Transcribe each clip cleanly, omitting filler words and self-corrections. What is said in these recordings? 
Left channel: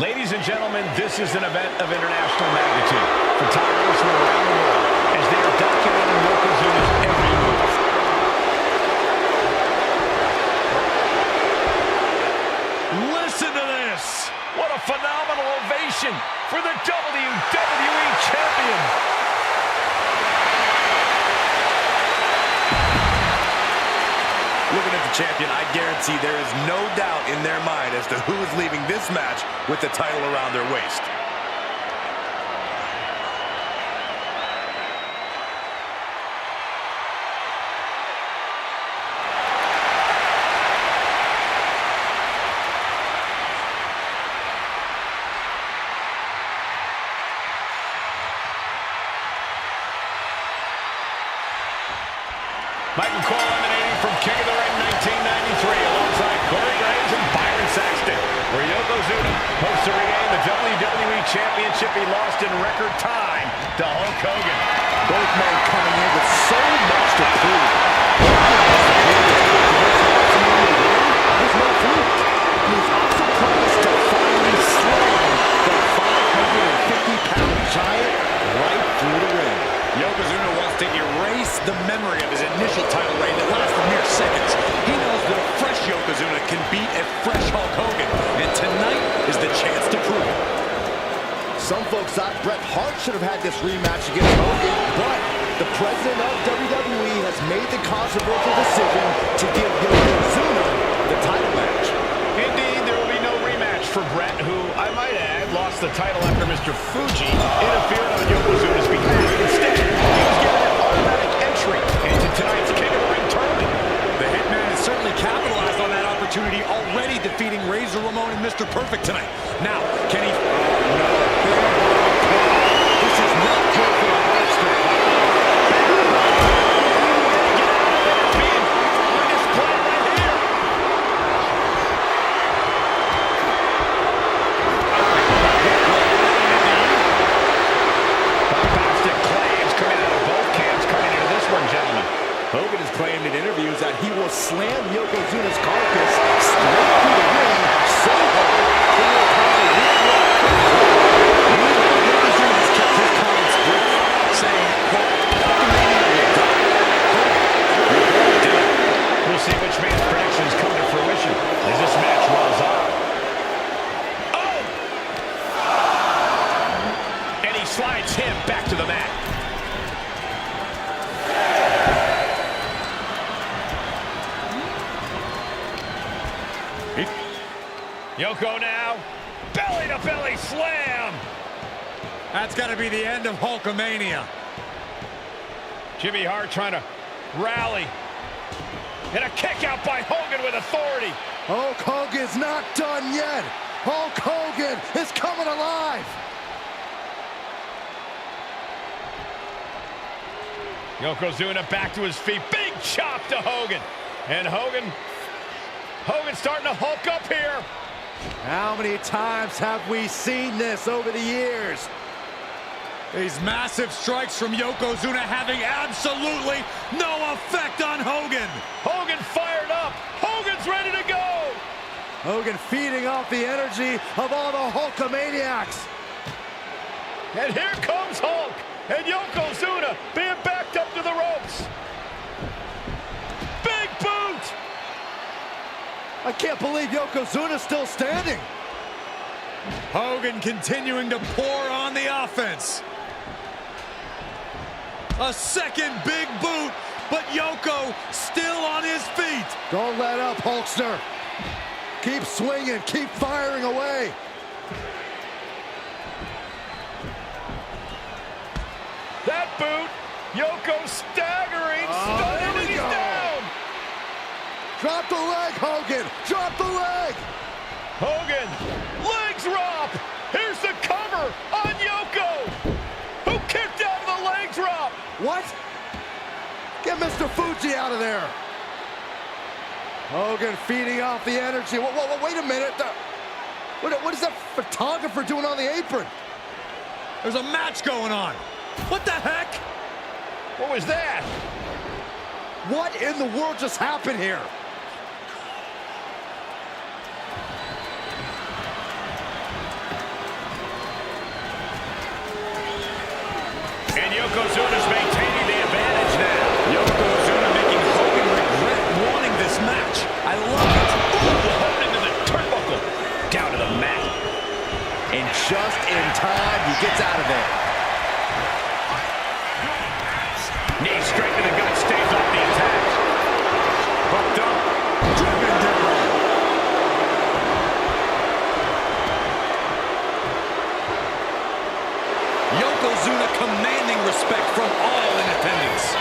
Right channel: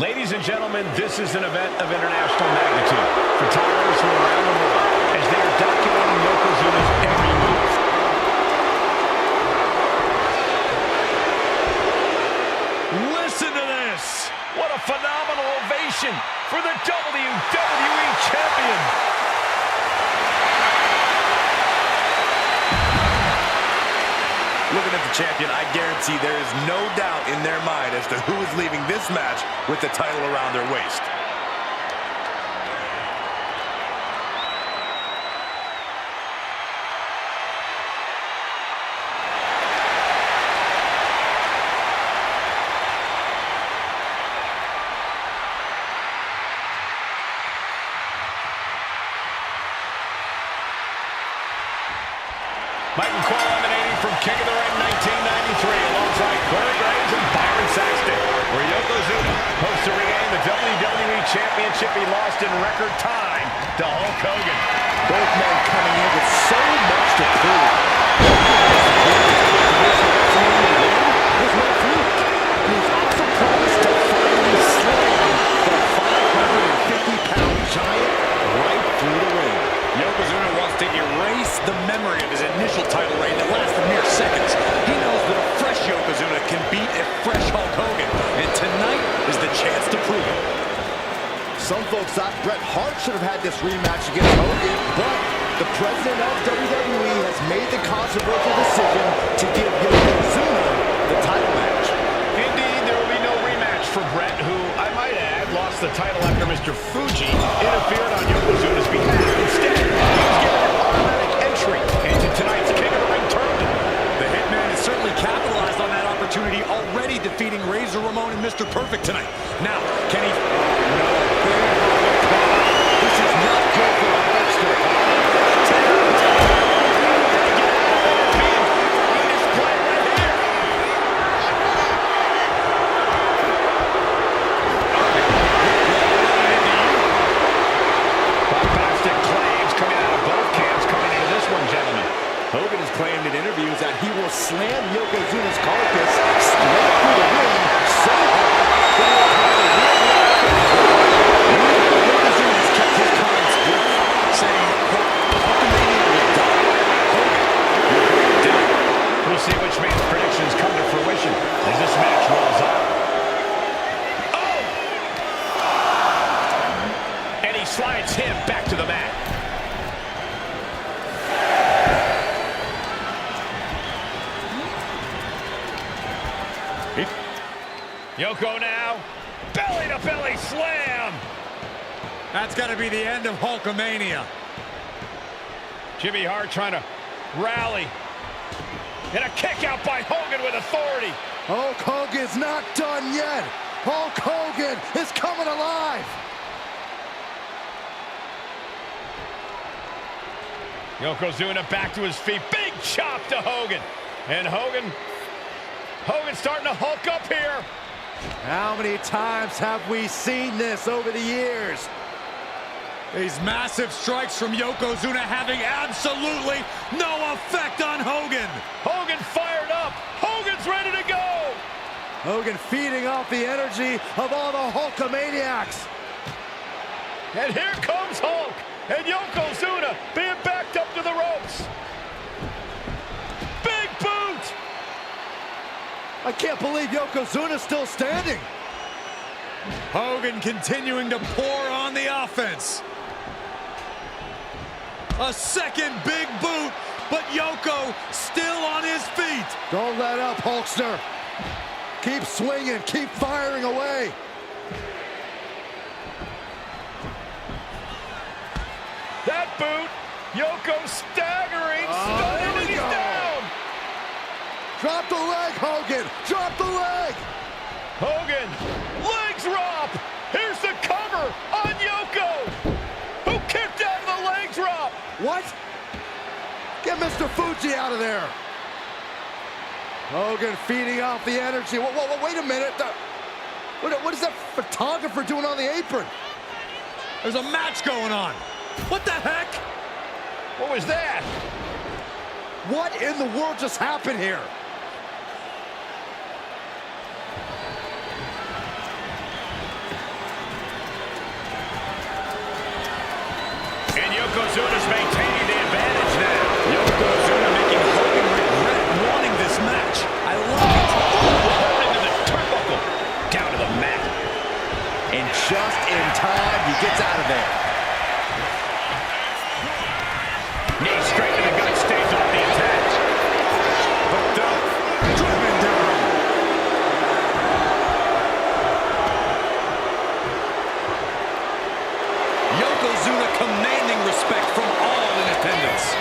Ladies and gentlemen, this is an event of international magnitude. Photographers from around the world as they are documenting Yokozuna's every move. Listen to this! What a phenomenal ovation for the WWE Champion! Looking at the champion, I guarantee there is no doubt in their mind as to who is leaving this match with the title around their waist. Michael Cole emanating from King of the Ring 1993 alongside Corey Graves and Byron Saxton, where Yokozuna hopes to regain the WWE Championship he lost in record time to Hulk Hogan. Both men coming in with so much to prove. There's no fluke. He's also promised to finally slay the 550-pound giant right through the ring. Yokozuna wants to erase the memory of his initial title reign that lasted mere seconds. He knows that a fresh Yokozuna can beat a fresh Hulk Hogan, and tonight is the chance to prove it. Some folks thought Bret Hart should have had this rematch against Hogan, but the president of WWE has made the controversial decision to give Yokozuna the title match. Indeed, there will be no rematch for Bret, who, I might add, lost the title after Mr. Fuji interfered on Yokozuna's behalf. Instead, he was given an automatic entry into tonight's King of the Ring tournament. The Hitman has certainly capitalized on that opportunity, already defeating Razor Ramon and Mr. Perfect tonight. Now, can he... Oh, no. This is not good for a Hulkster. Gentlemen, Hogan has claimed in interviews that he will slam Yokozuna's carcass straight through the ring so hard that he will cause a worldwide earthquake. Yokozuna has kept his comments brief, saying, quote, Hulkamania will die. Hogan will go down. We'll see which man's predictions come to fruition as this match rolls on. Oh! And he slides him back to the mat. Yoko now, belly-to-belly slam! That's got to be the end of Hulkamania. Jimmy Hart trying to rally. And a kick out by Hogan with authority. Hulk Hogan's not done yet. Hulk Hogan is coming alive. Yokozuna back to his feet. Big chop to Hogan. And Hogan's starting to hulk up here. How many times have we seen this over the years? These massive strikes from Yokozuna having absolutely no effect on Hogan. Hogan fired up. Hogan's ready to go. Hogan feeding off the energy of all the Hulkamaniacs. And here comes Hulk. And Yokozuna being backed up to the ropes. Big boot. I can't believe Yokozuna's still standing. Hogan continuing to pour on the offense. A second big boot, but Yoko still on his feet. Don't let up, Hulkster. Keep swinging, keep firing away. That boot, Yoko staggering, stunning, and he's down. Drop the leg, Hogan! Drop the leg! Hogan, leg drop! Here's the cover on Yoko! Who kicked out of the leg drop? What? Get Mr. Fuji out of there! Hogan feeding off the energy. Wait a minute. What is that photographer doing on the apron? There's a match going on. What the heck? What was that? What in the world just happened here? And Yokozuna's maintaining the advantage now. Yokozuna making Hogan regret wanting this match. I love it. Ooh, into the turnbuckle. Down to the mat. And just in time, he gets out of there. Knee straight to the gut, stays off the attack. Hooked up, driven down. Yokozuna commanding respect from all in attendance.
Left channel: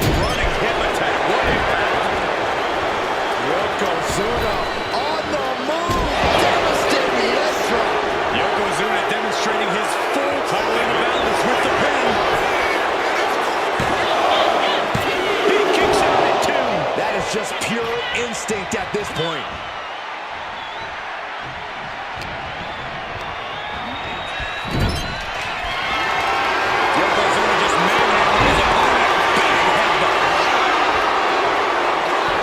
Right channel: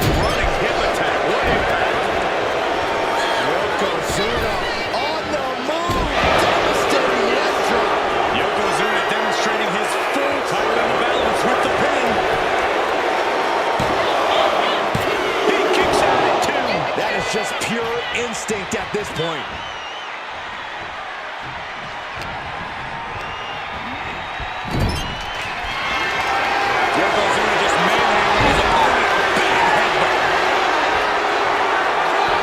Running hip attack, what impact. Yokozuna on the move. Devastating leg drop. Yokozuna demonstrating his full title in the balance with the pin. He kicks out at 2. That is just pure instinct at this point. Yokozuna just manhandling his opponent. Big headbutt.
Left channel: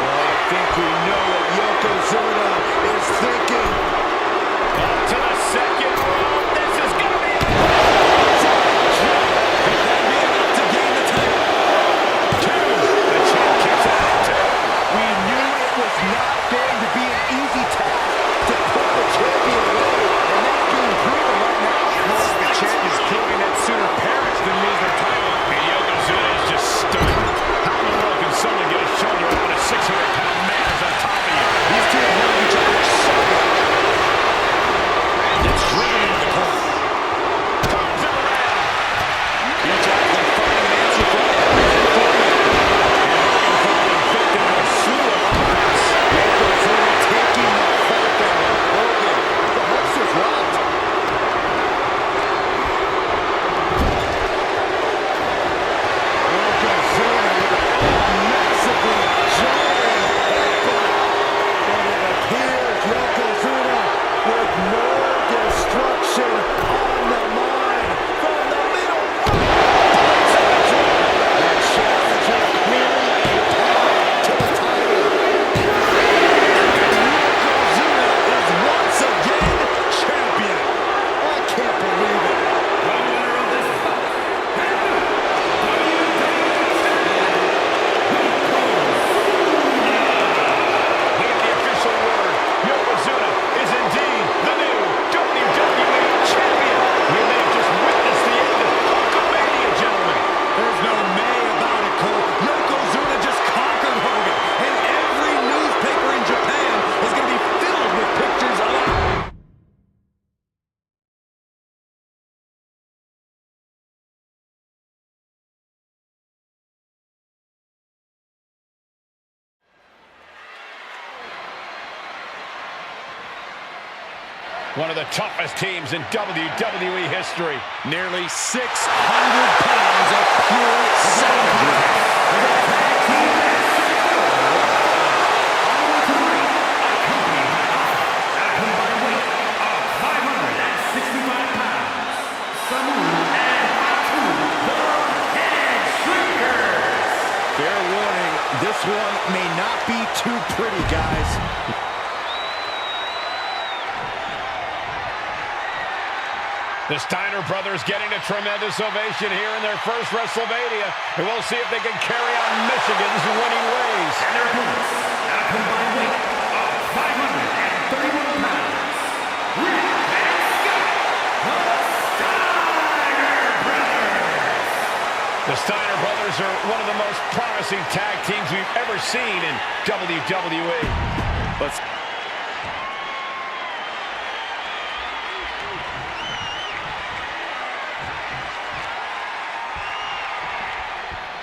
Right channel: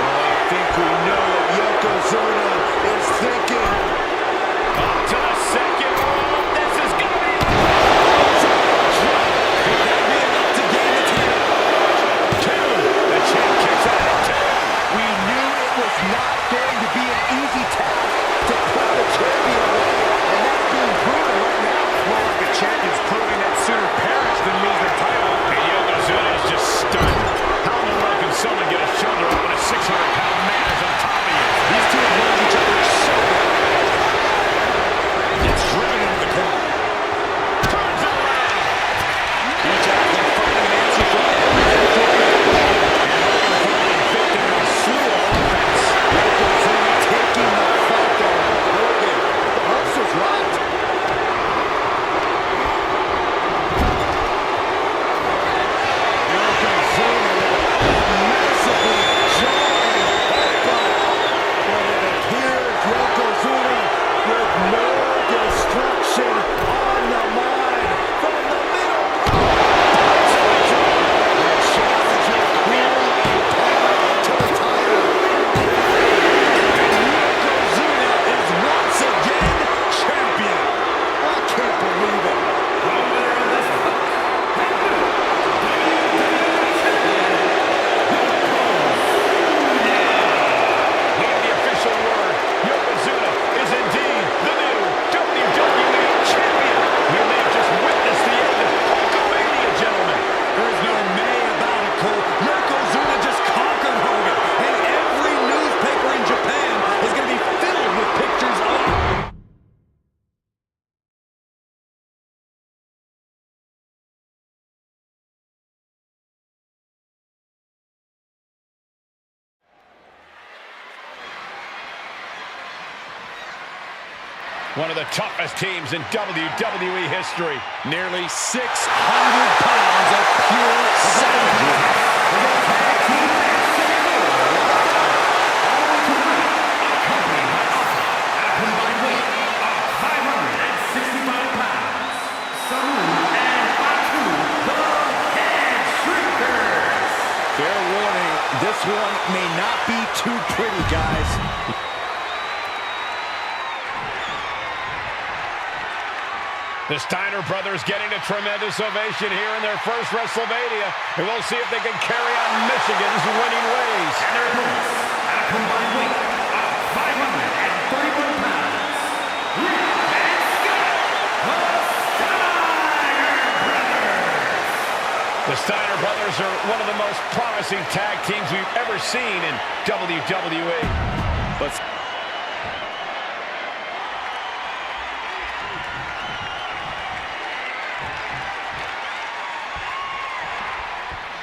Well, I think we know what Yokozuna is thinking. Up to the second rope. This is going to be a Could that be enough to gain the title? 2. The champ kicks out at 2. We knew it was not going to be an easy task to put the champion away, and that's being proven right now. More like the champion's proving that sooner perish than lose their title. And Yokozuna is just stunned. How in the world can someone get a shoulder up when a 600-pound man is on top of you? These two have known each other so well. It's driven into the corner. Turns it around. Each athlete finding an answer for everything thrown at them. And Hogan falling victim to a slew of offense. Yokozuna taking the fight on Hogan. The holster's locked. Yokozuna with a massively jarring headbutt. But it appears Yokozuna with more destruction on the mind from the middle rope. The challenger clearly a path to the title. Yokozuna is once again champion. I can't believe it. The winner of this bout, and new WWE champion, Yokozuna. We have the official word. Yokozuna is indeed the new WWE champion. We may have just witnessed the end of Hulkamania, gentlemen. There's no may about it, Cole. Yokozuna just conquered Hogan. And every newspaper in Japan is going to be filled with pictures of One of the toughest teams in WWE history. nearly 600 pounds of pure savagery. Tag team match set for one fall. On the way to the ring, accompanied by Alpha, at a combined weight of 565 pounds. Samu and Fatu, the Head Shrinkers. Fair warning, this one may not be too pretty, guys. The Steiner brothers getting a tremendous ovation here in their first WrestleMania. And we'll see if they can carry on Michigan's winning ways. And their opponents, at a combined weight of 531 pounds. Rick and Scott, the Steiner Brothers. The Steiner brothers are one of the most promising tag teams we've ever seen in WWE. Let's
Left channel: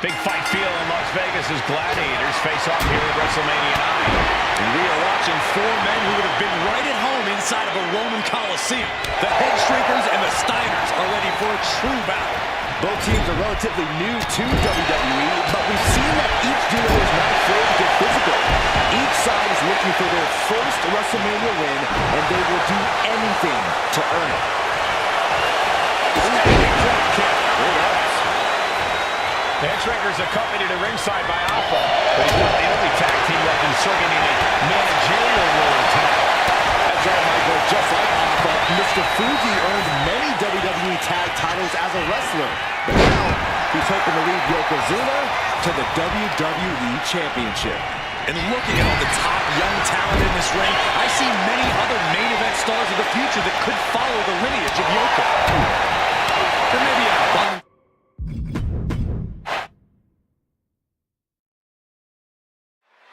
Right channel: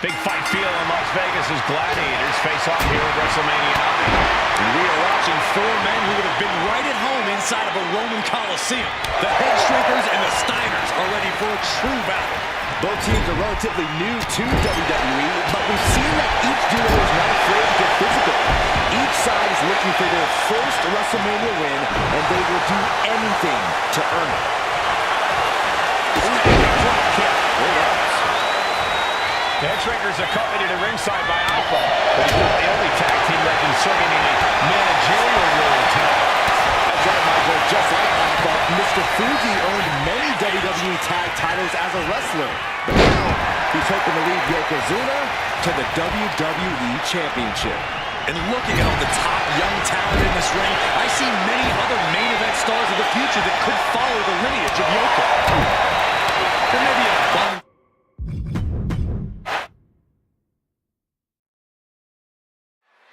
Big fight feel in Las Vegas as Gladiators face off here at WrestleMania 9. And we are watching four men who would have been right at home inside of a Roman Coliseum. The Head Shrinkers and the Steiners are ready for a true battle. Both teams are relatively new to WWE, but we've seen that each duo is not afraid to get physical. Each side is looking for their first WrestleMania win, and they will do anything to earn it. Standing drop kick. Great ups. The Head Shrinkers accompanied to ringside by Alpha, but he's not the only tag team legend serving in a managerial role tonight. As That's right, Michael. Just like Alpha, Mr. Fuji earned many WWE tag titles as a wrestler. But now, he's hoping to lead Yokozuna to the WWE Championship. And looking at all the top young talent in this ring, I see many other main event stars of the future that could follow the lineage of Yoko. There may be an abundance.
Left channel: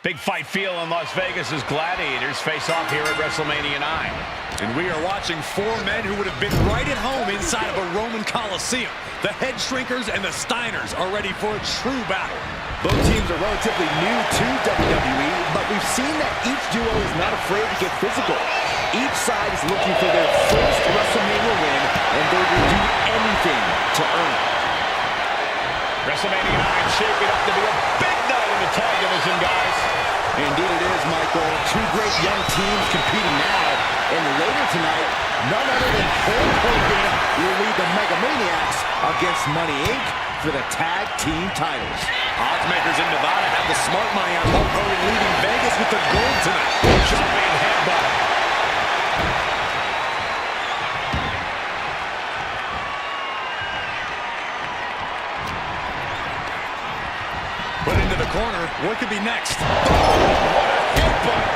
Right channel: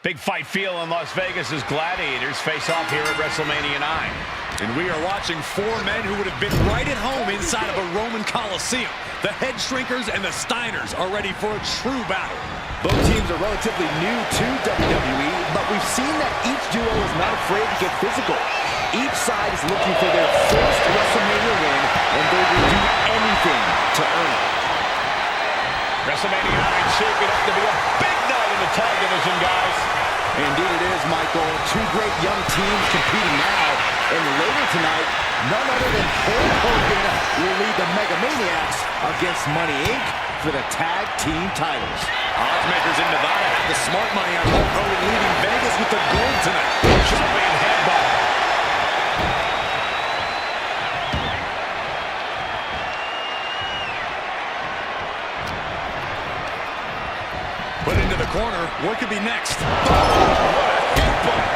Big fight feel in Las Vegas as gladiators face off here at WrestleMania 9. And we are watching four men who would have been right at home inside of a Roman Coliseum. The Head Shrinkers and the Steiners are ready for a true battle. Both teams are relatively new to WWE, but we've seen that each duo is not afraid to get physical. Each side is looking for their first WrestleMania win, and they will do anything to earn it. WrestleMania 9 shaping up to be a big night in the tag division, guys. Indeed it is, Michael. Two great young teams competing now. And later tonight, none other than Hulk Hogan will lead the Mega Maniacs against Money Inc. for the tag team titles. Oddsmakers in Nevada have the smart money on Hulk Hogan leaving Vegas with the gold tonight. Jumping headbutt. Put into the corner. What could be next? Boom! What a headbutt!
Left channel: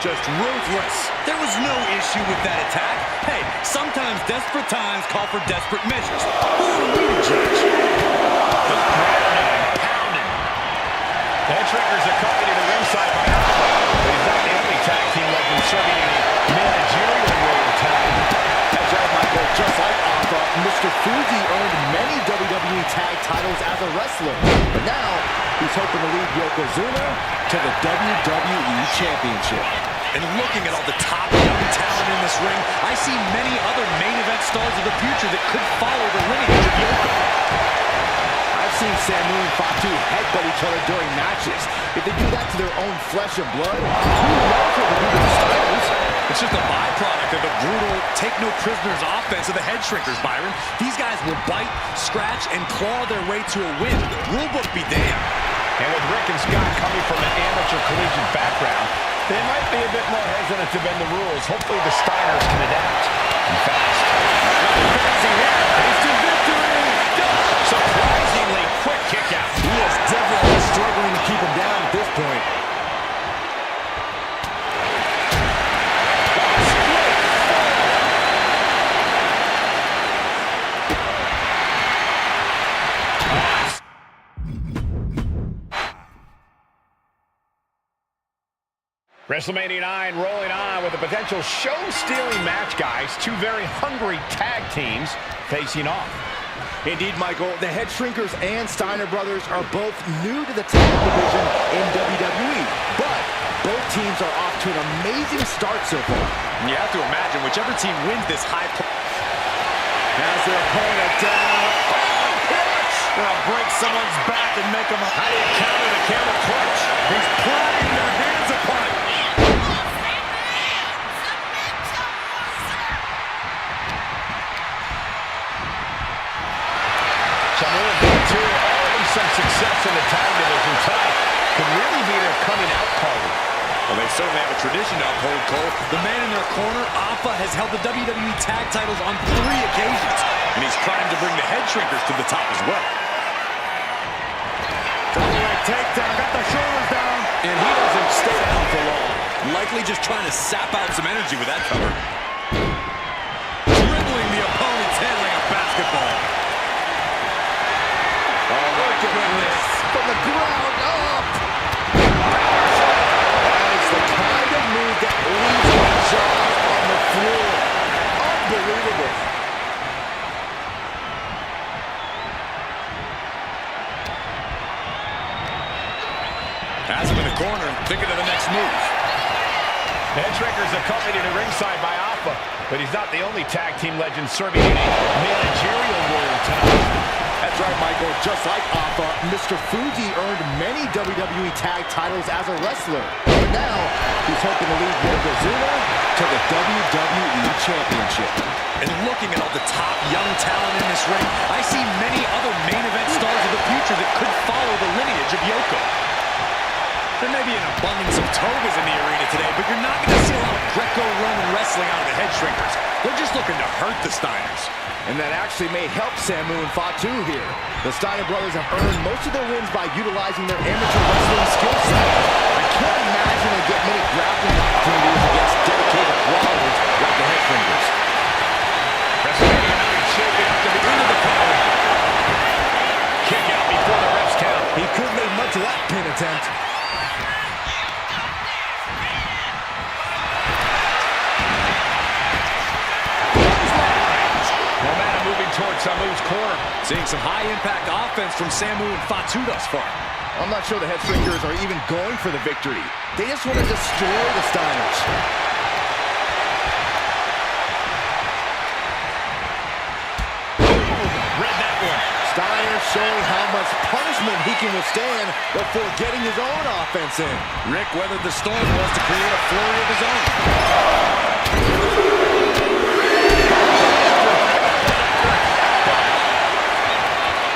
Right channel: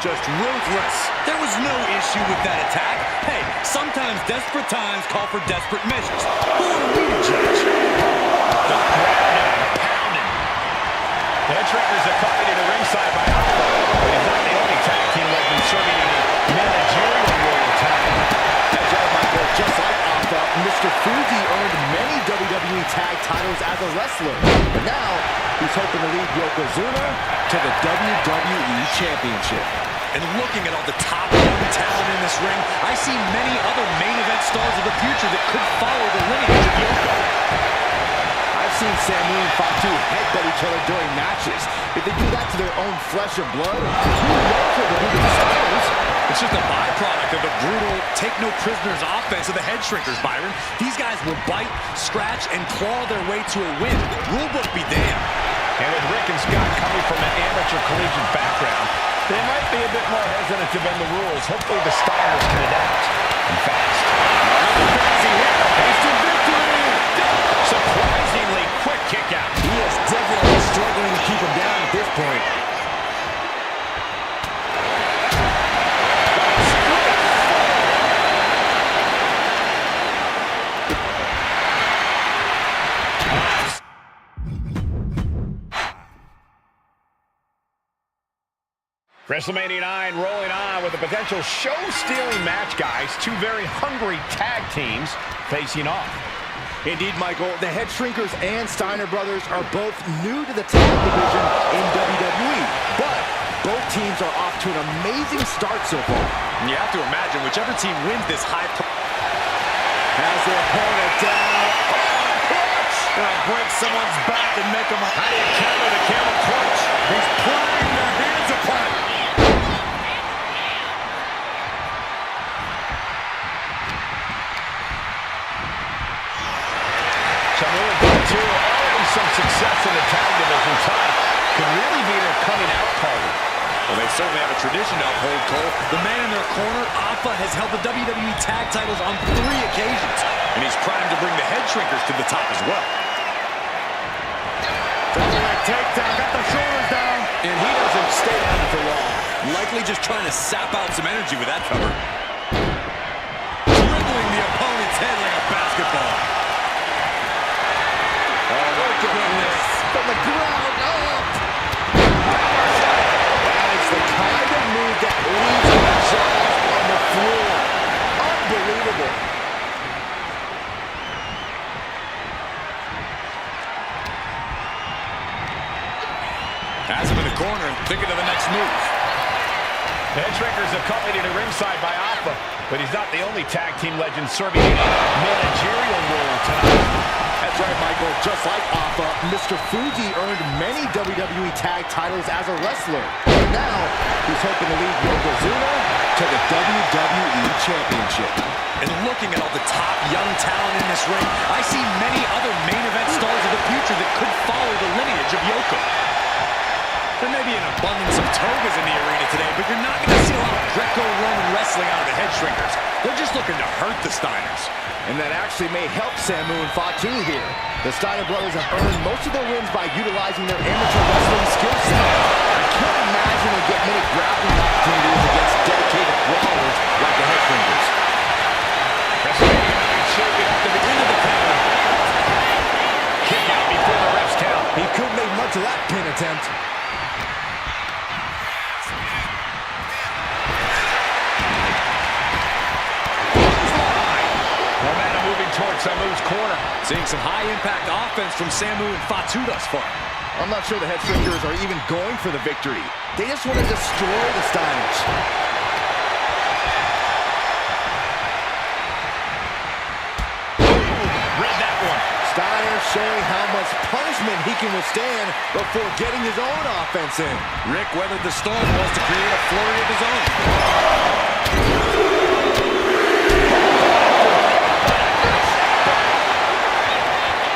Just ruthless. There was no issue with that attack. Hey, sometimes desperate times call for desperate measures. Who are we to judge? Just grabbing and pounding. The Head Shrinkers accompanied to the ringside by Alpha, but he's not the only tag team legend serving in a managerial role tonight. That's right, Michael. Just like Alpha, Mr. Fuji earned many WWE tag titles as a wrestler. But now, he's hoping to lead Yokozuna to the WWE Championship. And looking at all the top young talent in this ring, I see many other main event stars of the future that could follow the lineage of Yoko. I've seen Samu and Fatu headbutt each other during matches. If they do that to their own flesh and blood, who knows what they'll do to the Steiners? It's just a byproduct of the brutal take-no-prisoners offense of the Head Shrinkers, Byron. These guys will bite, scratch, and claw their way to a win. Rulebook be damned. And with Rick and Scott coming from an amateur collegiate background, they might be a bit more hesitant to bend the rules. Hopefully the Steiners can adapt. And fast. Nothing fancy here. Instant victory! Surprisingly quick kick out. He is definitely struggling to keep him down at this point. WrestleMania 9 rolling on with a potential show-stealing match, guys. Two very hungry tag teams facing off. Indeed, Michael, the Head Shrinkers and Steiner brothers are both new to the tag division in WWE, but both teams are off to an amazing start so far. And you have to imagine whichever team wins this high... Has their opponent down. Oh, clutch! Break someone's back and make them... How do you counter the camel clutch? He's prying their hands apart. Samu and Fatu already some success in the tag division tonight. Could really be their coming out party. Well, they certainly have a tradition to uphold, Cole. The man in their corner, Alpha, has held the WWE tag titles on 3 occasions, and he's primed to bring the Head Shrinkers to the top as well. Double leg takedown, got the shoulders down. And he doesn't stay down for long. Likely just trying to sap out some energy with that cover. Dribbling the opponent's head like a basketball. Oh, my goodness. From the ground up. That is the kind of move that leaves our jaws on the floor. Unbelievable. Has him in the corner, thinking of the next move. The Head Shrinkers accompanied to ringside by Alpha, but he's not the only tag team legend serving in a managerial role tonight. That's right, Michael. Just like Alpha, Mr. Fuji earned many WWE tag titles as a wrestler. But now, he's hoping to lead Yokozuna to the WWE Championship. And looking at all the top young talent in this ring, I see many other main event stars of the future that could follow the lineage of Yoko. There may be an abundance of togas in the arena today, but you're not going to see a lot of Greco-Roman wrestling out of the head shrinkers. They're just looking to hurt the Steiners. And that actually may help Samu and Fatu here. The Steiner brothers have earned most of their wins by utilizing their amateur wrestling skill set. I can't imagine they'll get many grappling opportunities against dedicated brawlers like the head shrinkers. WrestleMania 9 shaping up to the end of the cover. Kick out before the refs count. He couldn't make much of that pin attempt. Momentum moving towards Samu's corner. Seeing some high-impact offense from Samu and Fatu thus far. I'm not sure the head shrinkers are even going for the victory. They just want to destroy the Steiners. Read that one. Steiner showing how much punishment he can withstand before getting his own offense in. Rick weathered the storm was to create a flurry of his own.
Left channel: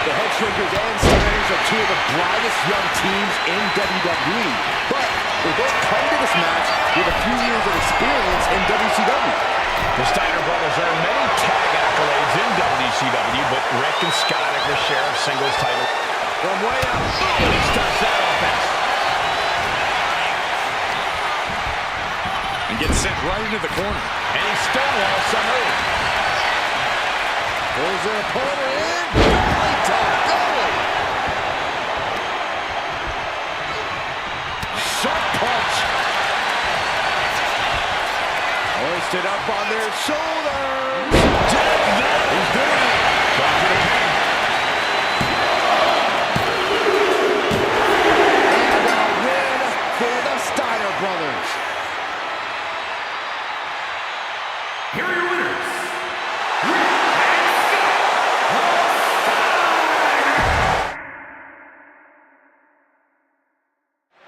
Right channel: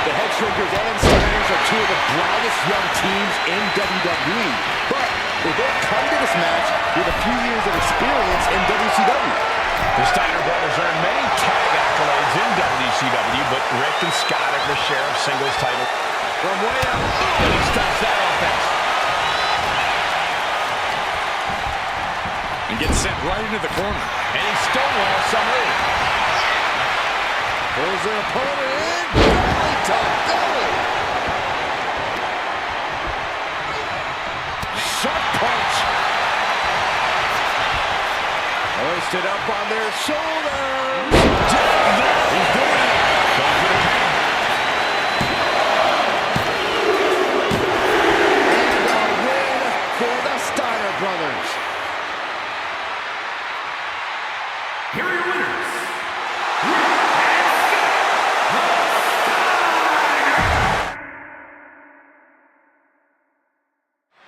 The head shrinkers and Steiners are two of the brightest young teams in WWE, but they both come to this match with a few years of experience in WCW. The Steiner brothers earned many tag accolades in WCW, but Rick and Scott have their share of singles titles. From way up, and he stops that offense. And gets sent right into the corner. And he stonewalls Samu. Pulls their opponent in, belly to belly. Sharp punch. Hoisted up on their shoulders. He's doing it. Going for the pin. And a win for the Steiner brothers. Here are your winners, Rick and Scott, the Steiner.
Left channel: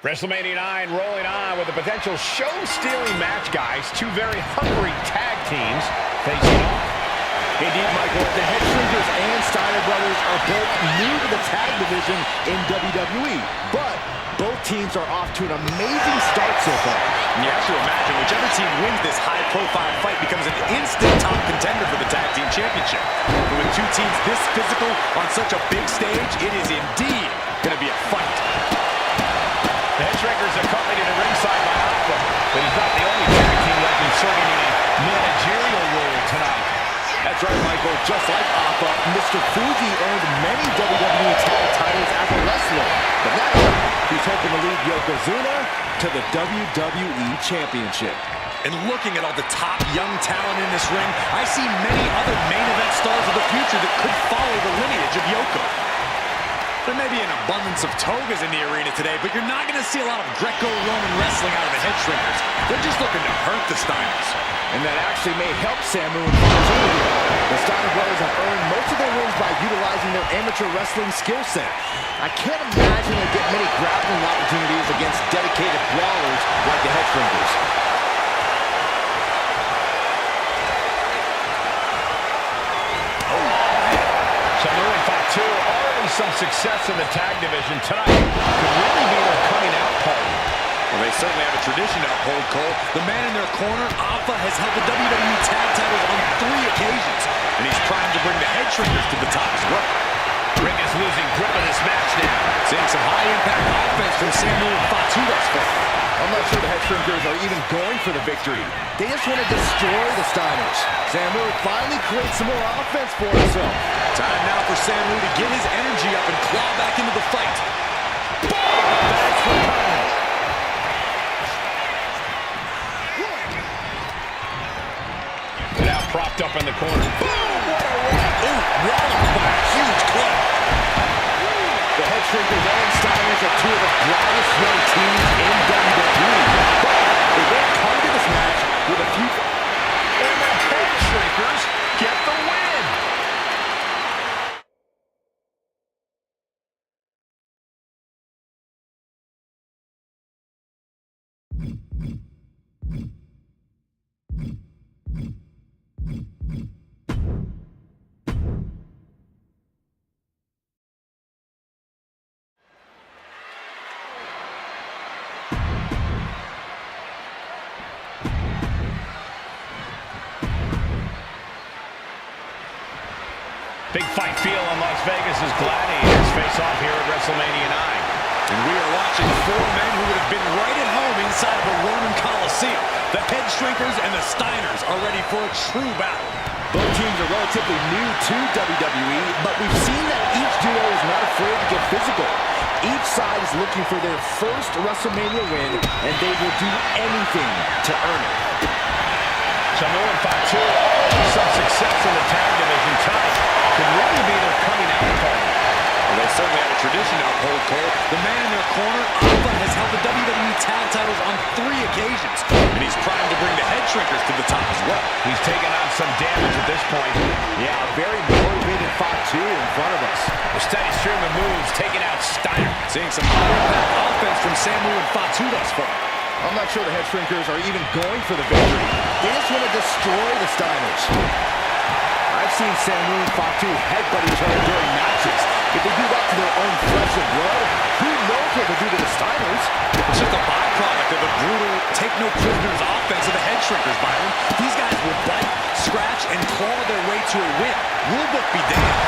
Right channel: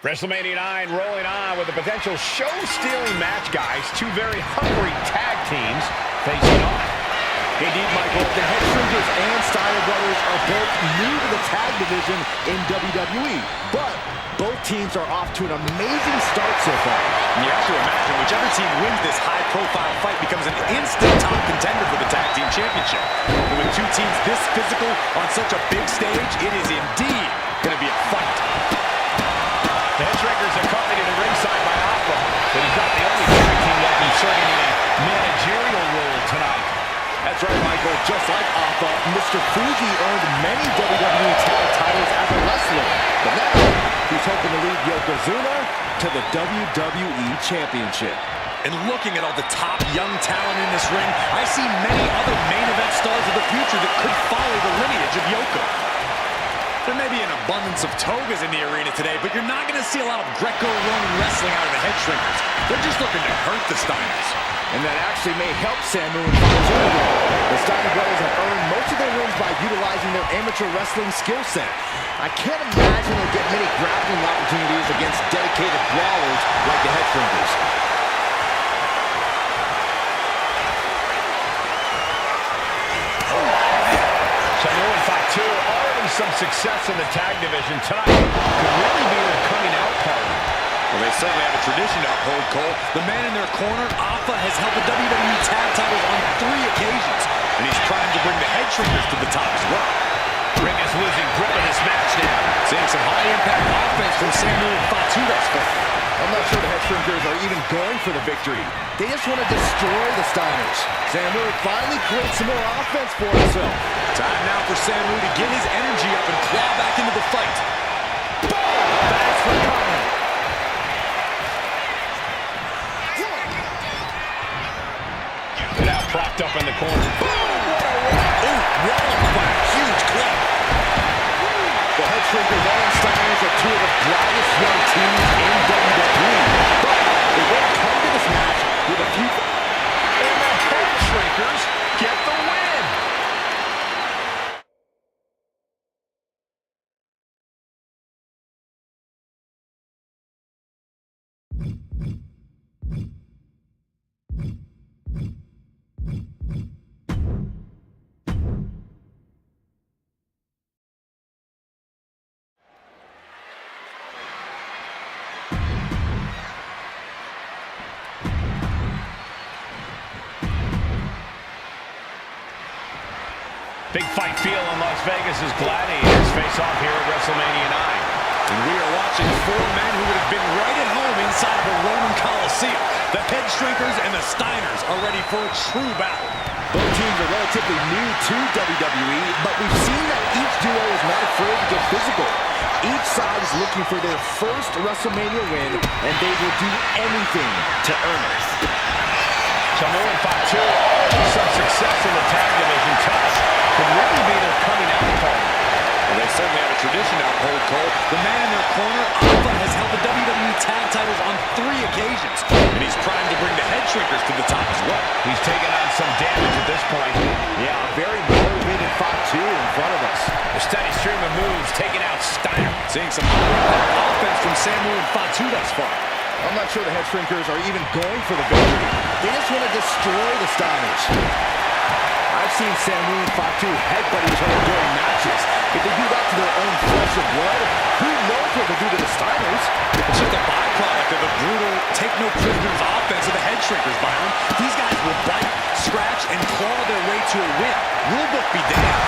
WrestleMania 9 rolling on with a potential show-stealing match, guys. Two very hungry tag teams facing off. Indeed, Michael, the head shrinkers and Steiner brothers are both new to the tag division in WWE, but both teams are off to an amazing start so far. And you have to imagine whichever team wins this high-profile fight becomes an instant top contender for the tag team championship. And with two teams this physical on such a big stage, it is indeed going to be a fight. The head shrinkers accompanied at ringside by Alpha, but he's not the only tag team that's inserting in a managerial role tonight. That's right, Michael. Just like Alpha, Mr. Fuji earned many WWE tag titles as a wrestler, but now he's hoping to lead Yokozuna to the WWE Championship. And looking at all the top young talent in this ring, I see many other main event stars of the future that could follow the lineage of Yoko. There may be an abundance of togas in the arena today, but you're not going to see a lot of Greco-Roman wrestling out of the head shrinkers. They're just looking to hurt the Steiners. And that actually may help Samu and Fatu. The Steiner brothers have earned most of their wins by utilizing their amateur wrestling skill set. I can't imagine they'll get many grappling opportunities against dedicated brawlers like the head shrinkers. Samu and Fatu already some success in the tag division tonight. Could really be their coming out party. Well, they certainly have a tradition to uphold, Cole. The man in their corner, Alpha, has held the WWE tag titles on 3 occasions, and he's primed to bring the head shrinkers to the top as well. Rick is losing grip of this match now. Seeing some high-impact offense from Samu and Fatu thus far. I'm not sure the head shrinkers are even going for the victory. They just want to destroy the Steiners. Samu finally creates some more offense for himself. Time now for Samu to get his energy up and claw back into the fight. Boom! Thanks for coming. Now propped up in the corner. Boom! What a rock! Ooh, walloped by a huge club. The head shrinkers and Steiners are two of the brightest young teams in WWE, but they both come to this match with a few... And the head shrinkers get the win. Big fight feel in Las Vegas as Gladiators face off here at WrestleMania 9. And we are watching four men who would have been right at home inside of a Roman Coliseum. The Head Shrinkers and the Steiners are ready for a true battle. Both teams are relatively new to WWE, but we've seen that each duo is not afraid to get physical. Each side is looking for their first WrestleMania win, and they will do anything to earn it. Samu and Fatu already some success in the tag division. Tonight could really be their coming out party. Well, they certainly have a tradition to uphold, Cole. The man in their corner, Alpha, has held the WWE tag titles on 3 occasions, and he's primed to bring the Head Shrinkers to the top as well. He's taken on some damage at this point. Yeah, a very motivated Fatu in front of us. A steady stream of moves taking out Steiner. Seeing some high-impact offense from Samu and Fatu thus far. I'm not sure the Head Shrinkers are even going for the victory. They just want to destroy the Steiners. I've seen Samu and Fatu headbutt each other during matches. If they do that to their own flesh and blood, who knows what they'll do to the Steiners? It's just a byproduct of the brutal take-no-prisoners offense of the Head Shrinkers, Byron. These guys will bite, scratch, and claw their way to a win. Rulebook be damned.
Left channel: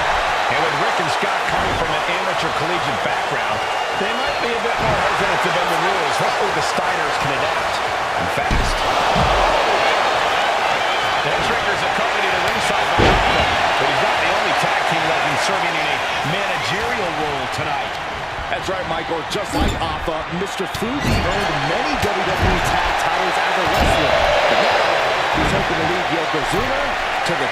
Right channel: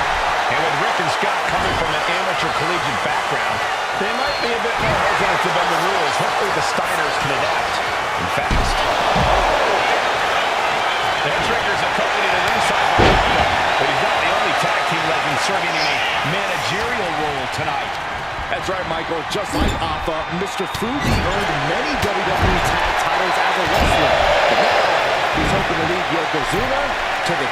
And with Rick and Scott coming from an amateur collegiate background, they might be a bit more hesitant to bend the rules. Hopefully the Steiners can adapt. And fast. The Head Shrinkers accompanied to ringside by Alpha, but he's not the only tag team legend serving in a managerial role tonight. That's right, Michael. Just like Alpha, Mr. Fuji earned many WWE tag titles as a wrestler. But now, he's hoping to lead Yokozuna to the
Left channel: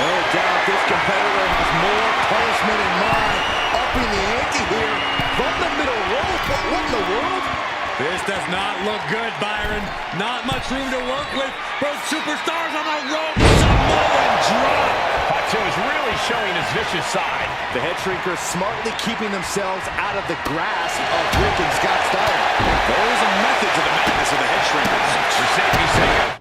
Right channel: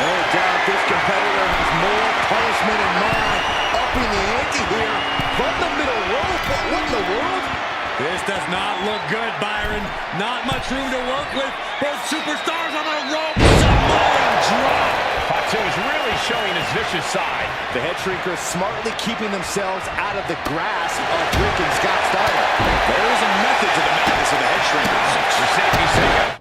No doubt this competitor has more punishment in mind. Upping the ante here from the middle rope. What in the world? This does not look good, Byron. Not much room to work with. Both superstars on the rope. Samoan drop. Fatu is really showing his vicious side. The Head Shrinkers smartly keeping themselves out of the grasp of Rick and Scott Steiner. There is a method to the madness of the Head Shrinkers. For safety's sake.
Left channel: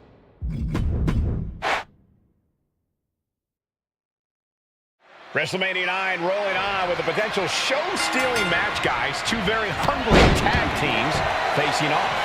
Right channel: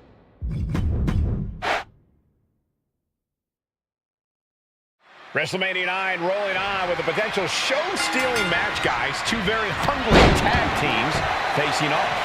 WrestleMania 9 rolling on with a potential show-stealing match, guys. Two very hungry tag teams facing off.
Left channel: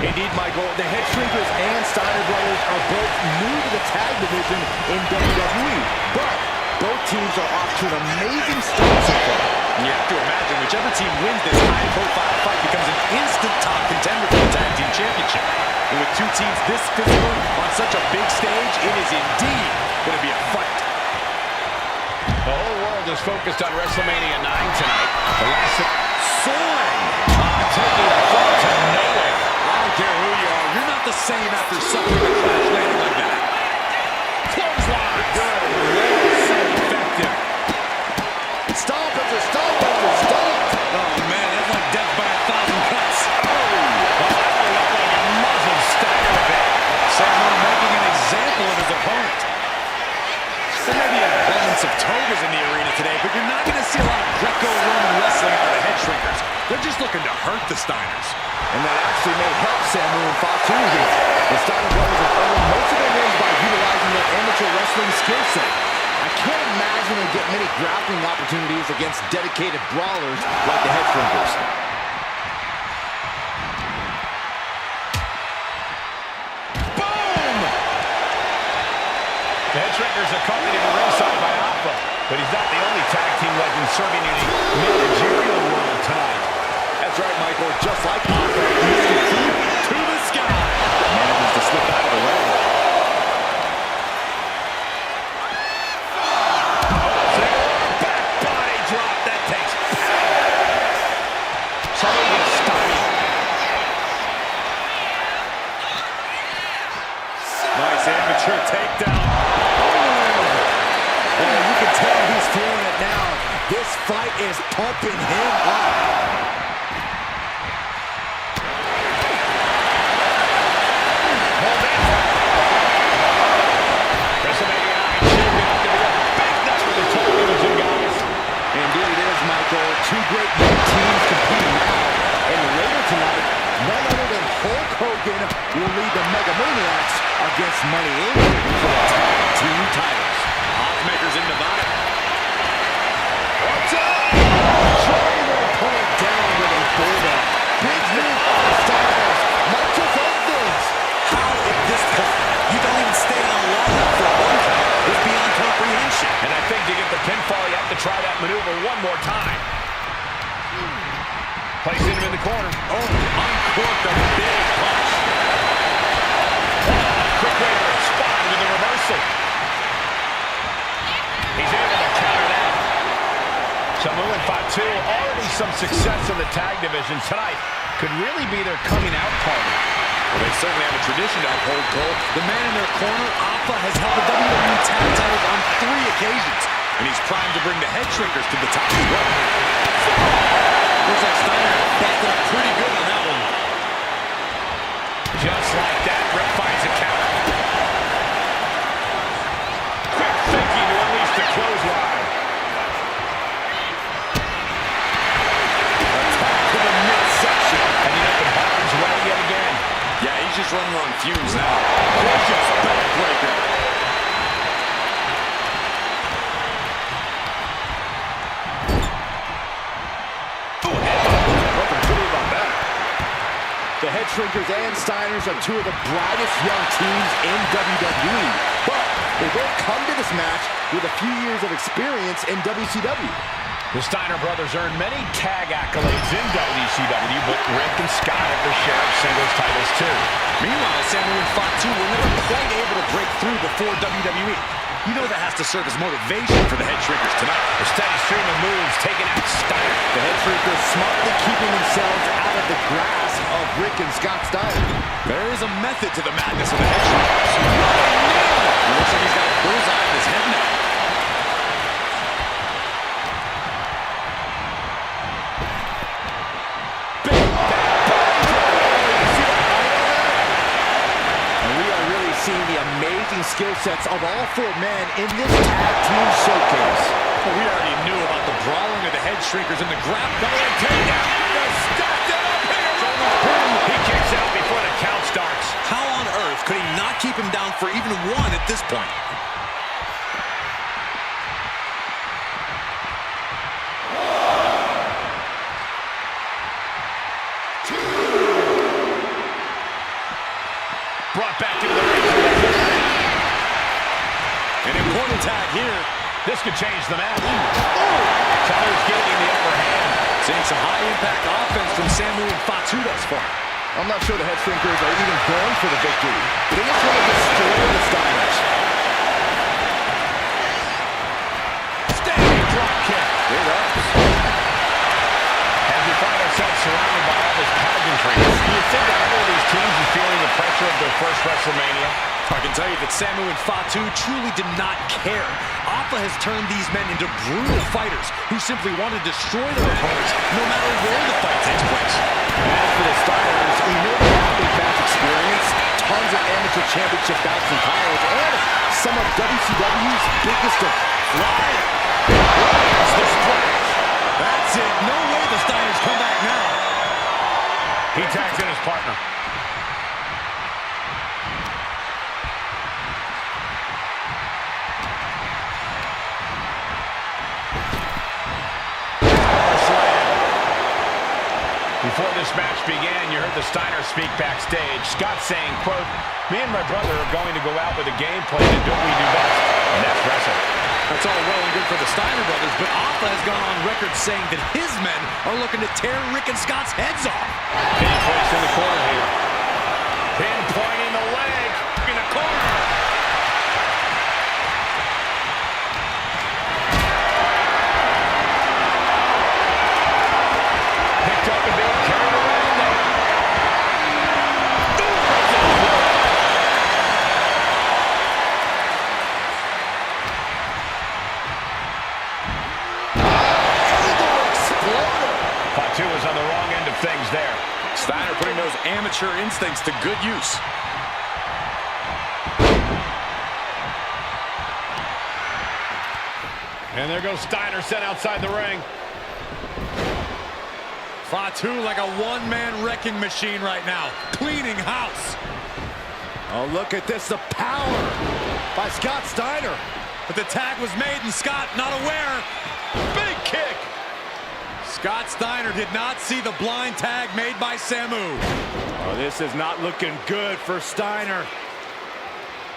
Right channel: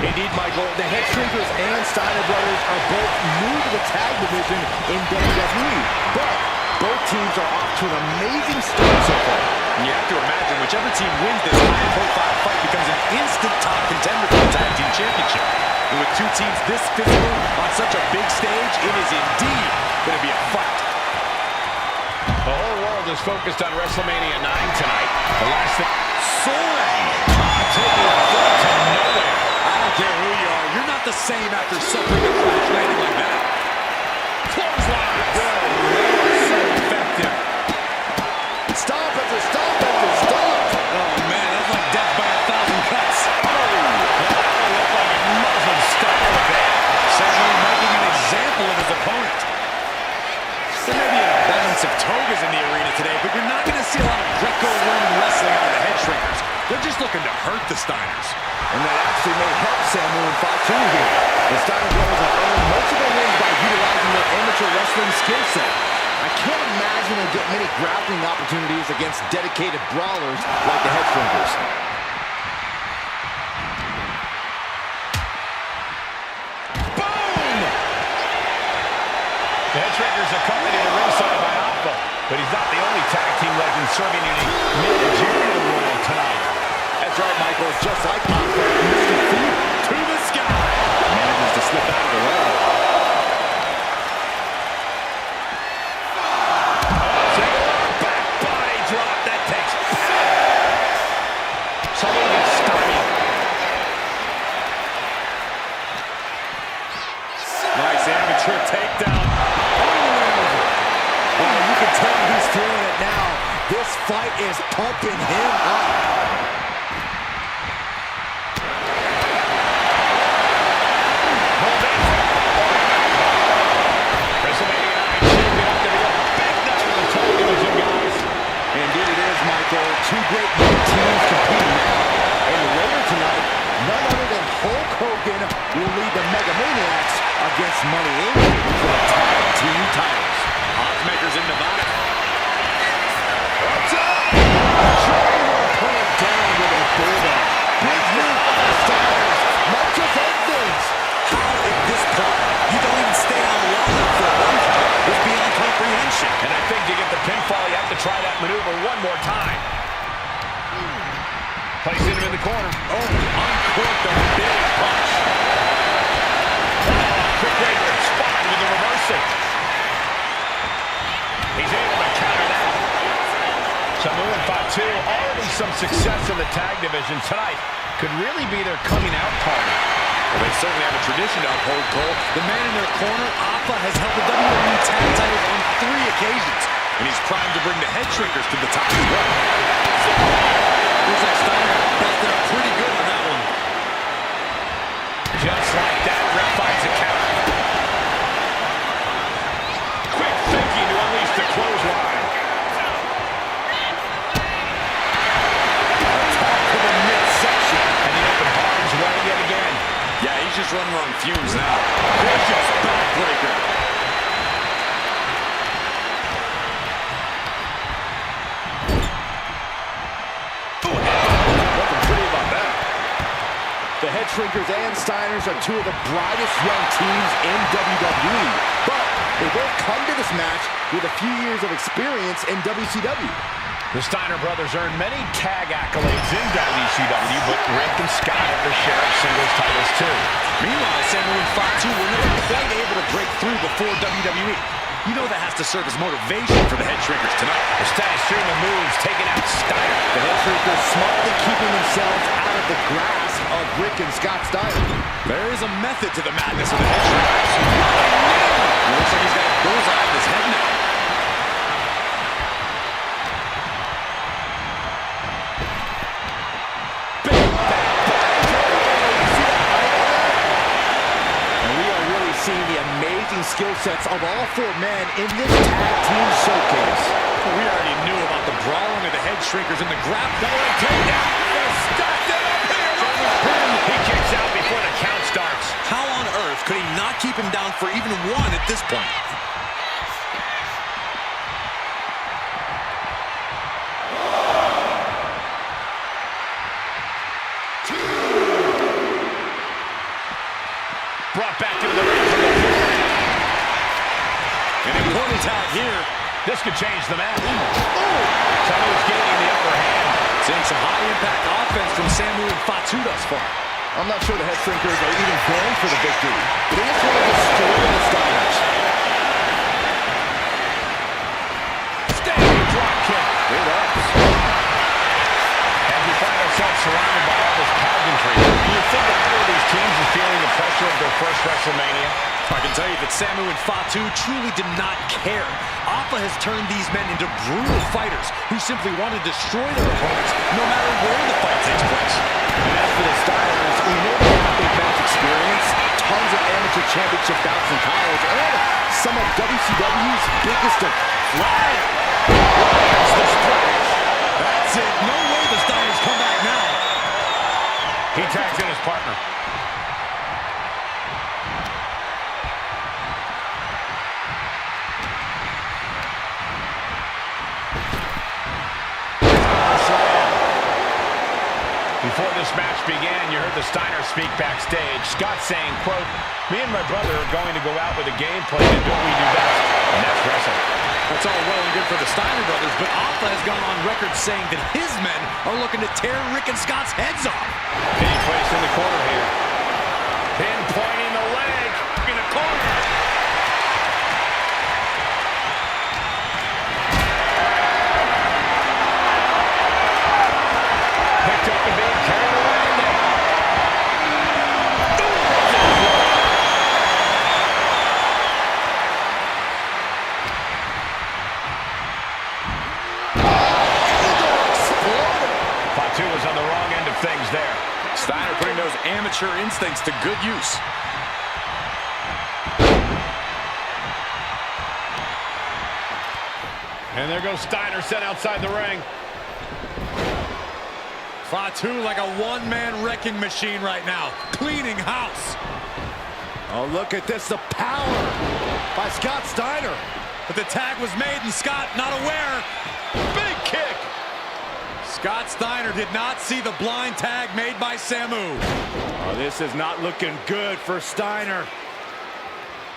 Indeed, Michael, the Head Shrinkers and Steiner brothers are both new to the tag division in WWE, but both teams are off to an amazing start so far. You have to imagine whichever team wins this high-profile fight becomes an instant top contender for the Tag Team Championship. And with two teams this physical on such a big stage, it is indeed going to be a fight. The whole world is focused on WrestleMania 9 tonight. The last Soaring! taking a foot to nowhere. I don't care who you are. You're not the same after suffering a crash landing like that. Clothesline. Good Lord, so effective. Stomp after stomp after stomp. Oh, man, that's like death by 1,000 cuts. Well, that one looked like it muzzled Steiner a bit. Samu making an example of his opponent. There may be an abundance of togas in the arena today, but you're not going to see a lot of Greco-Roman wrestling out of the Head Shrinkers. They're just looking to hurt the Steiners. And that actually may help Samu and Fatu here. The Steiner brothers have earned most of their wins by utilizing their amateur wrestling skill set. I can't imagine they'll get many grappling opportunities against dedicated brawlers like the Head Shrinkers. The Head Shrinkers accompanied to ringside by Alpha, but he's not the only tag team legend serving in a managerial role tonight. That's right, Michael. Just like Alpha, Mr. Fuji To the sky. manages to slip out of the way. Single back body drop. That takes power. Someone gets stymied. Nice amateur takedown. Oh, you can tell he's feeling it now. This fight is pumping him up. WrestleMania 9 shaping up to be a big night for the tag division, guys. Indeed it is, Michael. Two great young teams competing now. And later tonight, none other than Hulk Hogan will lead the Mega Maniacs against Money Inc. for the tag team titles. Oddsmakers in Nevada. What's up? Shutting their opponent down with a bulldog. Big move by the Steiners. Might just end things. How at this point you don't even stay on long enough for a one count is beyond comprehension. And I think try that maneuver one more time. Placing him in the corner. Oh, uncorked a big punch. Oh, quick way to respond with the reversal. He's able to counter that. Samu and Fatu, already some success in the tag division tonight, could really be their coming out party. Well, they certainly have a tradition to uphold, Cole. The man in their corner, Alpha, has held the WWE tag titles on 3 occasions, and he's primed to bring the head shrinkers to the top as well. Looks like Steiner busted up pretty good on that one. Just like that, Rick finds a counter. Quick thinking to unleash the clothesline. Attack to the midsection. And the open arms way yet again. Yeah, he's just running on fumes now. Vicious backbreaker. Nothing pretty about that. The Head Shrinkers and Steiners are 2 of the brightest young teams in WWE. But they both come to this match with a few years of experience in WCW. The Steiner brothers earned many tag accolades in WCW, but Rick and Scott have their share of singles titles too. Meanwhile, Samu and Fatu were never quite able to break through before WWE. You know that has to serve as motivation for the Head Shrinkers tonight. A steady stream of moves taking out Steiner. The Head Shrinkers smartly keeping themselves out of the grasp of Rick and Scott Steiner. There is a method to the madness of the Head Shrinkers. It looks like he's got a bullseye on his head now. Seeing the amazing skill sets of all 4 men in this tag team showcase. Well, we already knew about the brawling of the Head Shrinkers and the grab double takedown. They're stacked it up here. He kicks out before the count starts. How on earth could he not keep him down for even 1 at this point? Brought back into the ring from the floor. An important tag here. This could change the match. Samu's gaining the upper hand. Seeing some high-impact offense from Samu and Fatu thus far. I'm not sure the Head Shrinkers are even going for the victory. They just want to destroy the Steiners. Standing drop kick. Great ups. As we find ourselves surrounded by all this pageantry, do you think either of these teams is feeling the pressure of their first WrestleMania? I can tell you that Samu and Fatu truly did not care. Alpha has turned these men into brutal fighters who simply want to destroy their opponents no matter where the fight takes place. And as for the Steiners, we know they have big match experience, tons of amateur championship bouts in college, and some of WCW's biggest of Flying. That's the splash. That's it. No way the Steiners come back now. He tags in his partner. Before this match began, you heard the Steiners speak backstage. Scott saying, quote, "Me and my brother are going to go out with a game plan to do what we do best, and that's wrestle." That's all well and good for the Steiner brothers, but Alpha has gone on record saying that his men are looking to tear Rick and Scott's heads off. Being placed in the corner here. Pinpointing the leg in the corner. Picked up and being carried around there. Fatu was on the wrong end of things there. Steiner putting those amateur instincts to good use. And there goes Steiner sent outside the ring. Fatu like a one-man wrecking machine right now, cleaning house. Oh, look at this, the power by Scott Steiner. But the tag was made and Scott not aware. Big kick. Scott Steiner did not see the blind tag made by Samu. Oh, this is not looking good for Steiner.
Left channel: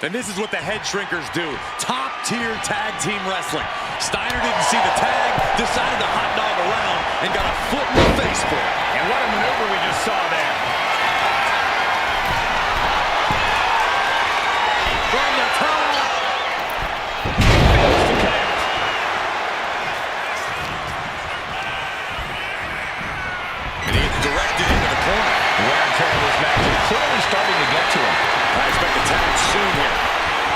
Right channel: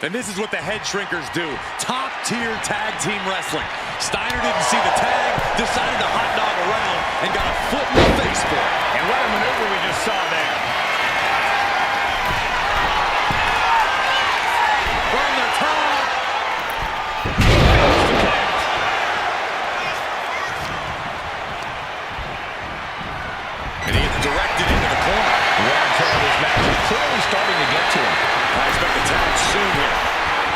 And this is what the head shrinkers do. Top-tier tag team wrestling. Steiner didn't see the tag, decided to hot dog around, and got a foot in the face for it. And what a maneuver we just saw there. From the top. Fails to connect. And he gets directed into the corner. Wear and tear of this match is clearly starting to get to him. I expect a tag soon here.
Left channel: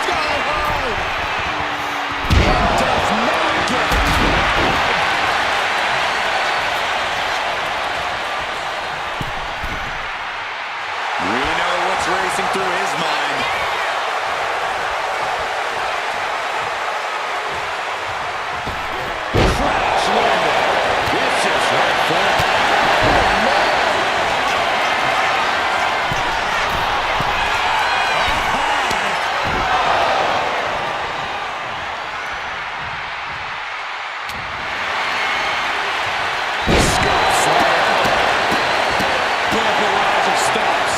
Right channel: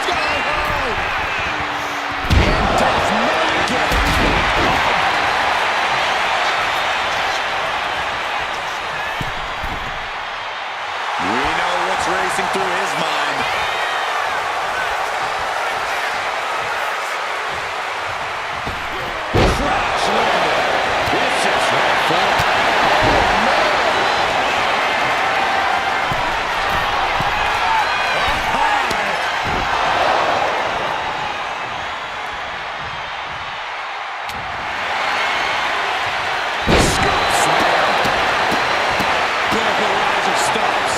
Sky high! And does not get it. We know what's racing through his mind. Crash landed. Vicious right forearm. Oh, man. Up high. Scoop slam. Put up a rise of stomps.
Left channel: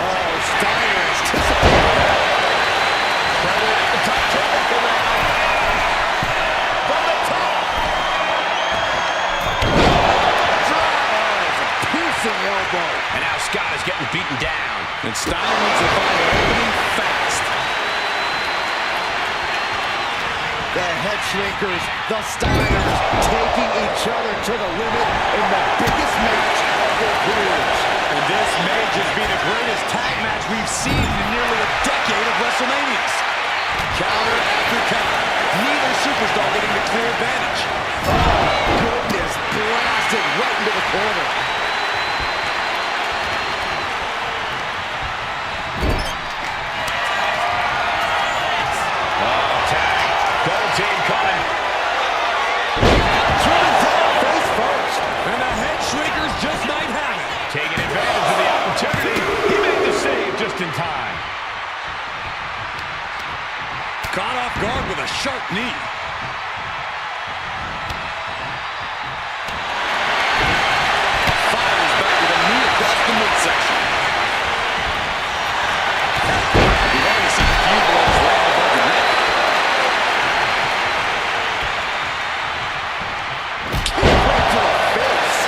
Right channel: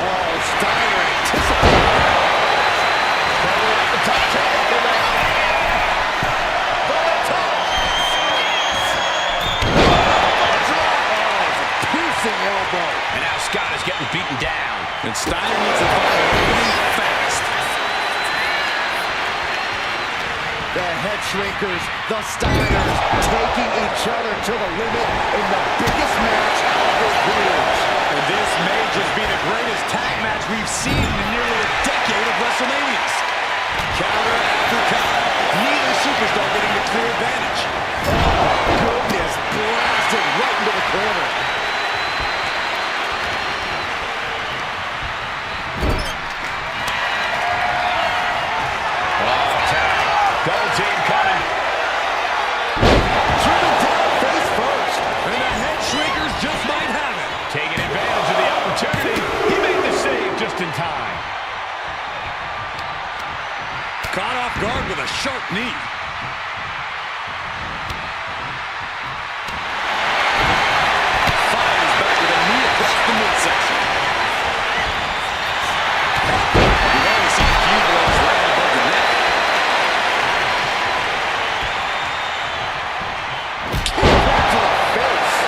Oh, Steiner anticipated that. Probably at the top turnbuckle now. From the top. Piercing elbow. And now Scott is getting beaten down. And Steiner needs to find an opening fast. The head shrinkers, the Steiners, taking each other to the limit in the biggest match of their careers. And this may just be the greatest tag match we've seen in nearly a decade of WrestleManias. Counter after counter. Neither superstar getting the clear advantage. Oh, goodness, blasted right into the corner. Oh, tag. Double team coming. Driven down face first. And the head shrinkers just might have it. Taking advantage of the opportunity. He made the save just in time. Caught off guard with a sharp knee. Fires back with a knee across the midsection. We've already seen a few blows land above the neck. Right to the face.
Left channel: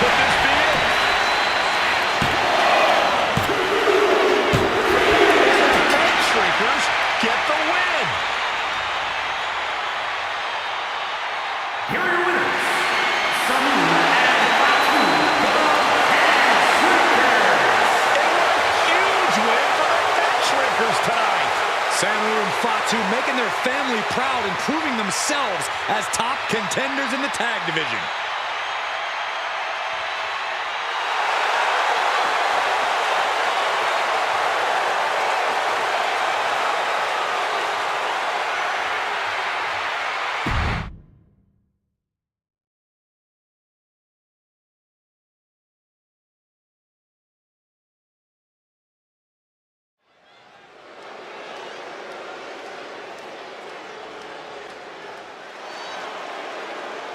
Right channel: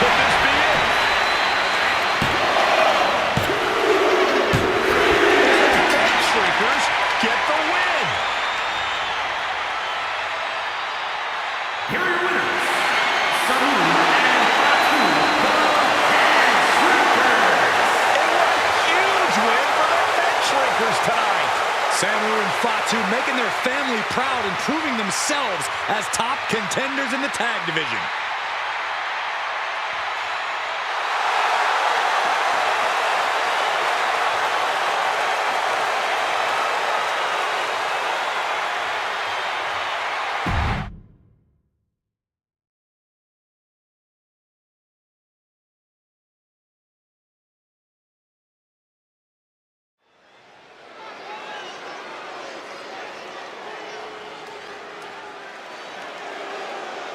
Could this be it? And the head shrinkers get the win. Here are your winners, Samu and Fatu, the Head Shrinkers. And what a huge win for the head shrinkers tonight. Samu and Fatu making their family proud and proving themselves as top contenders in the tag division.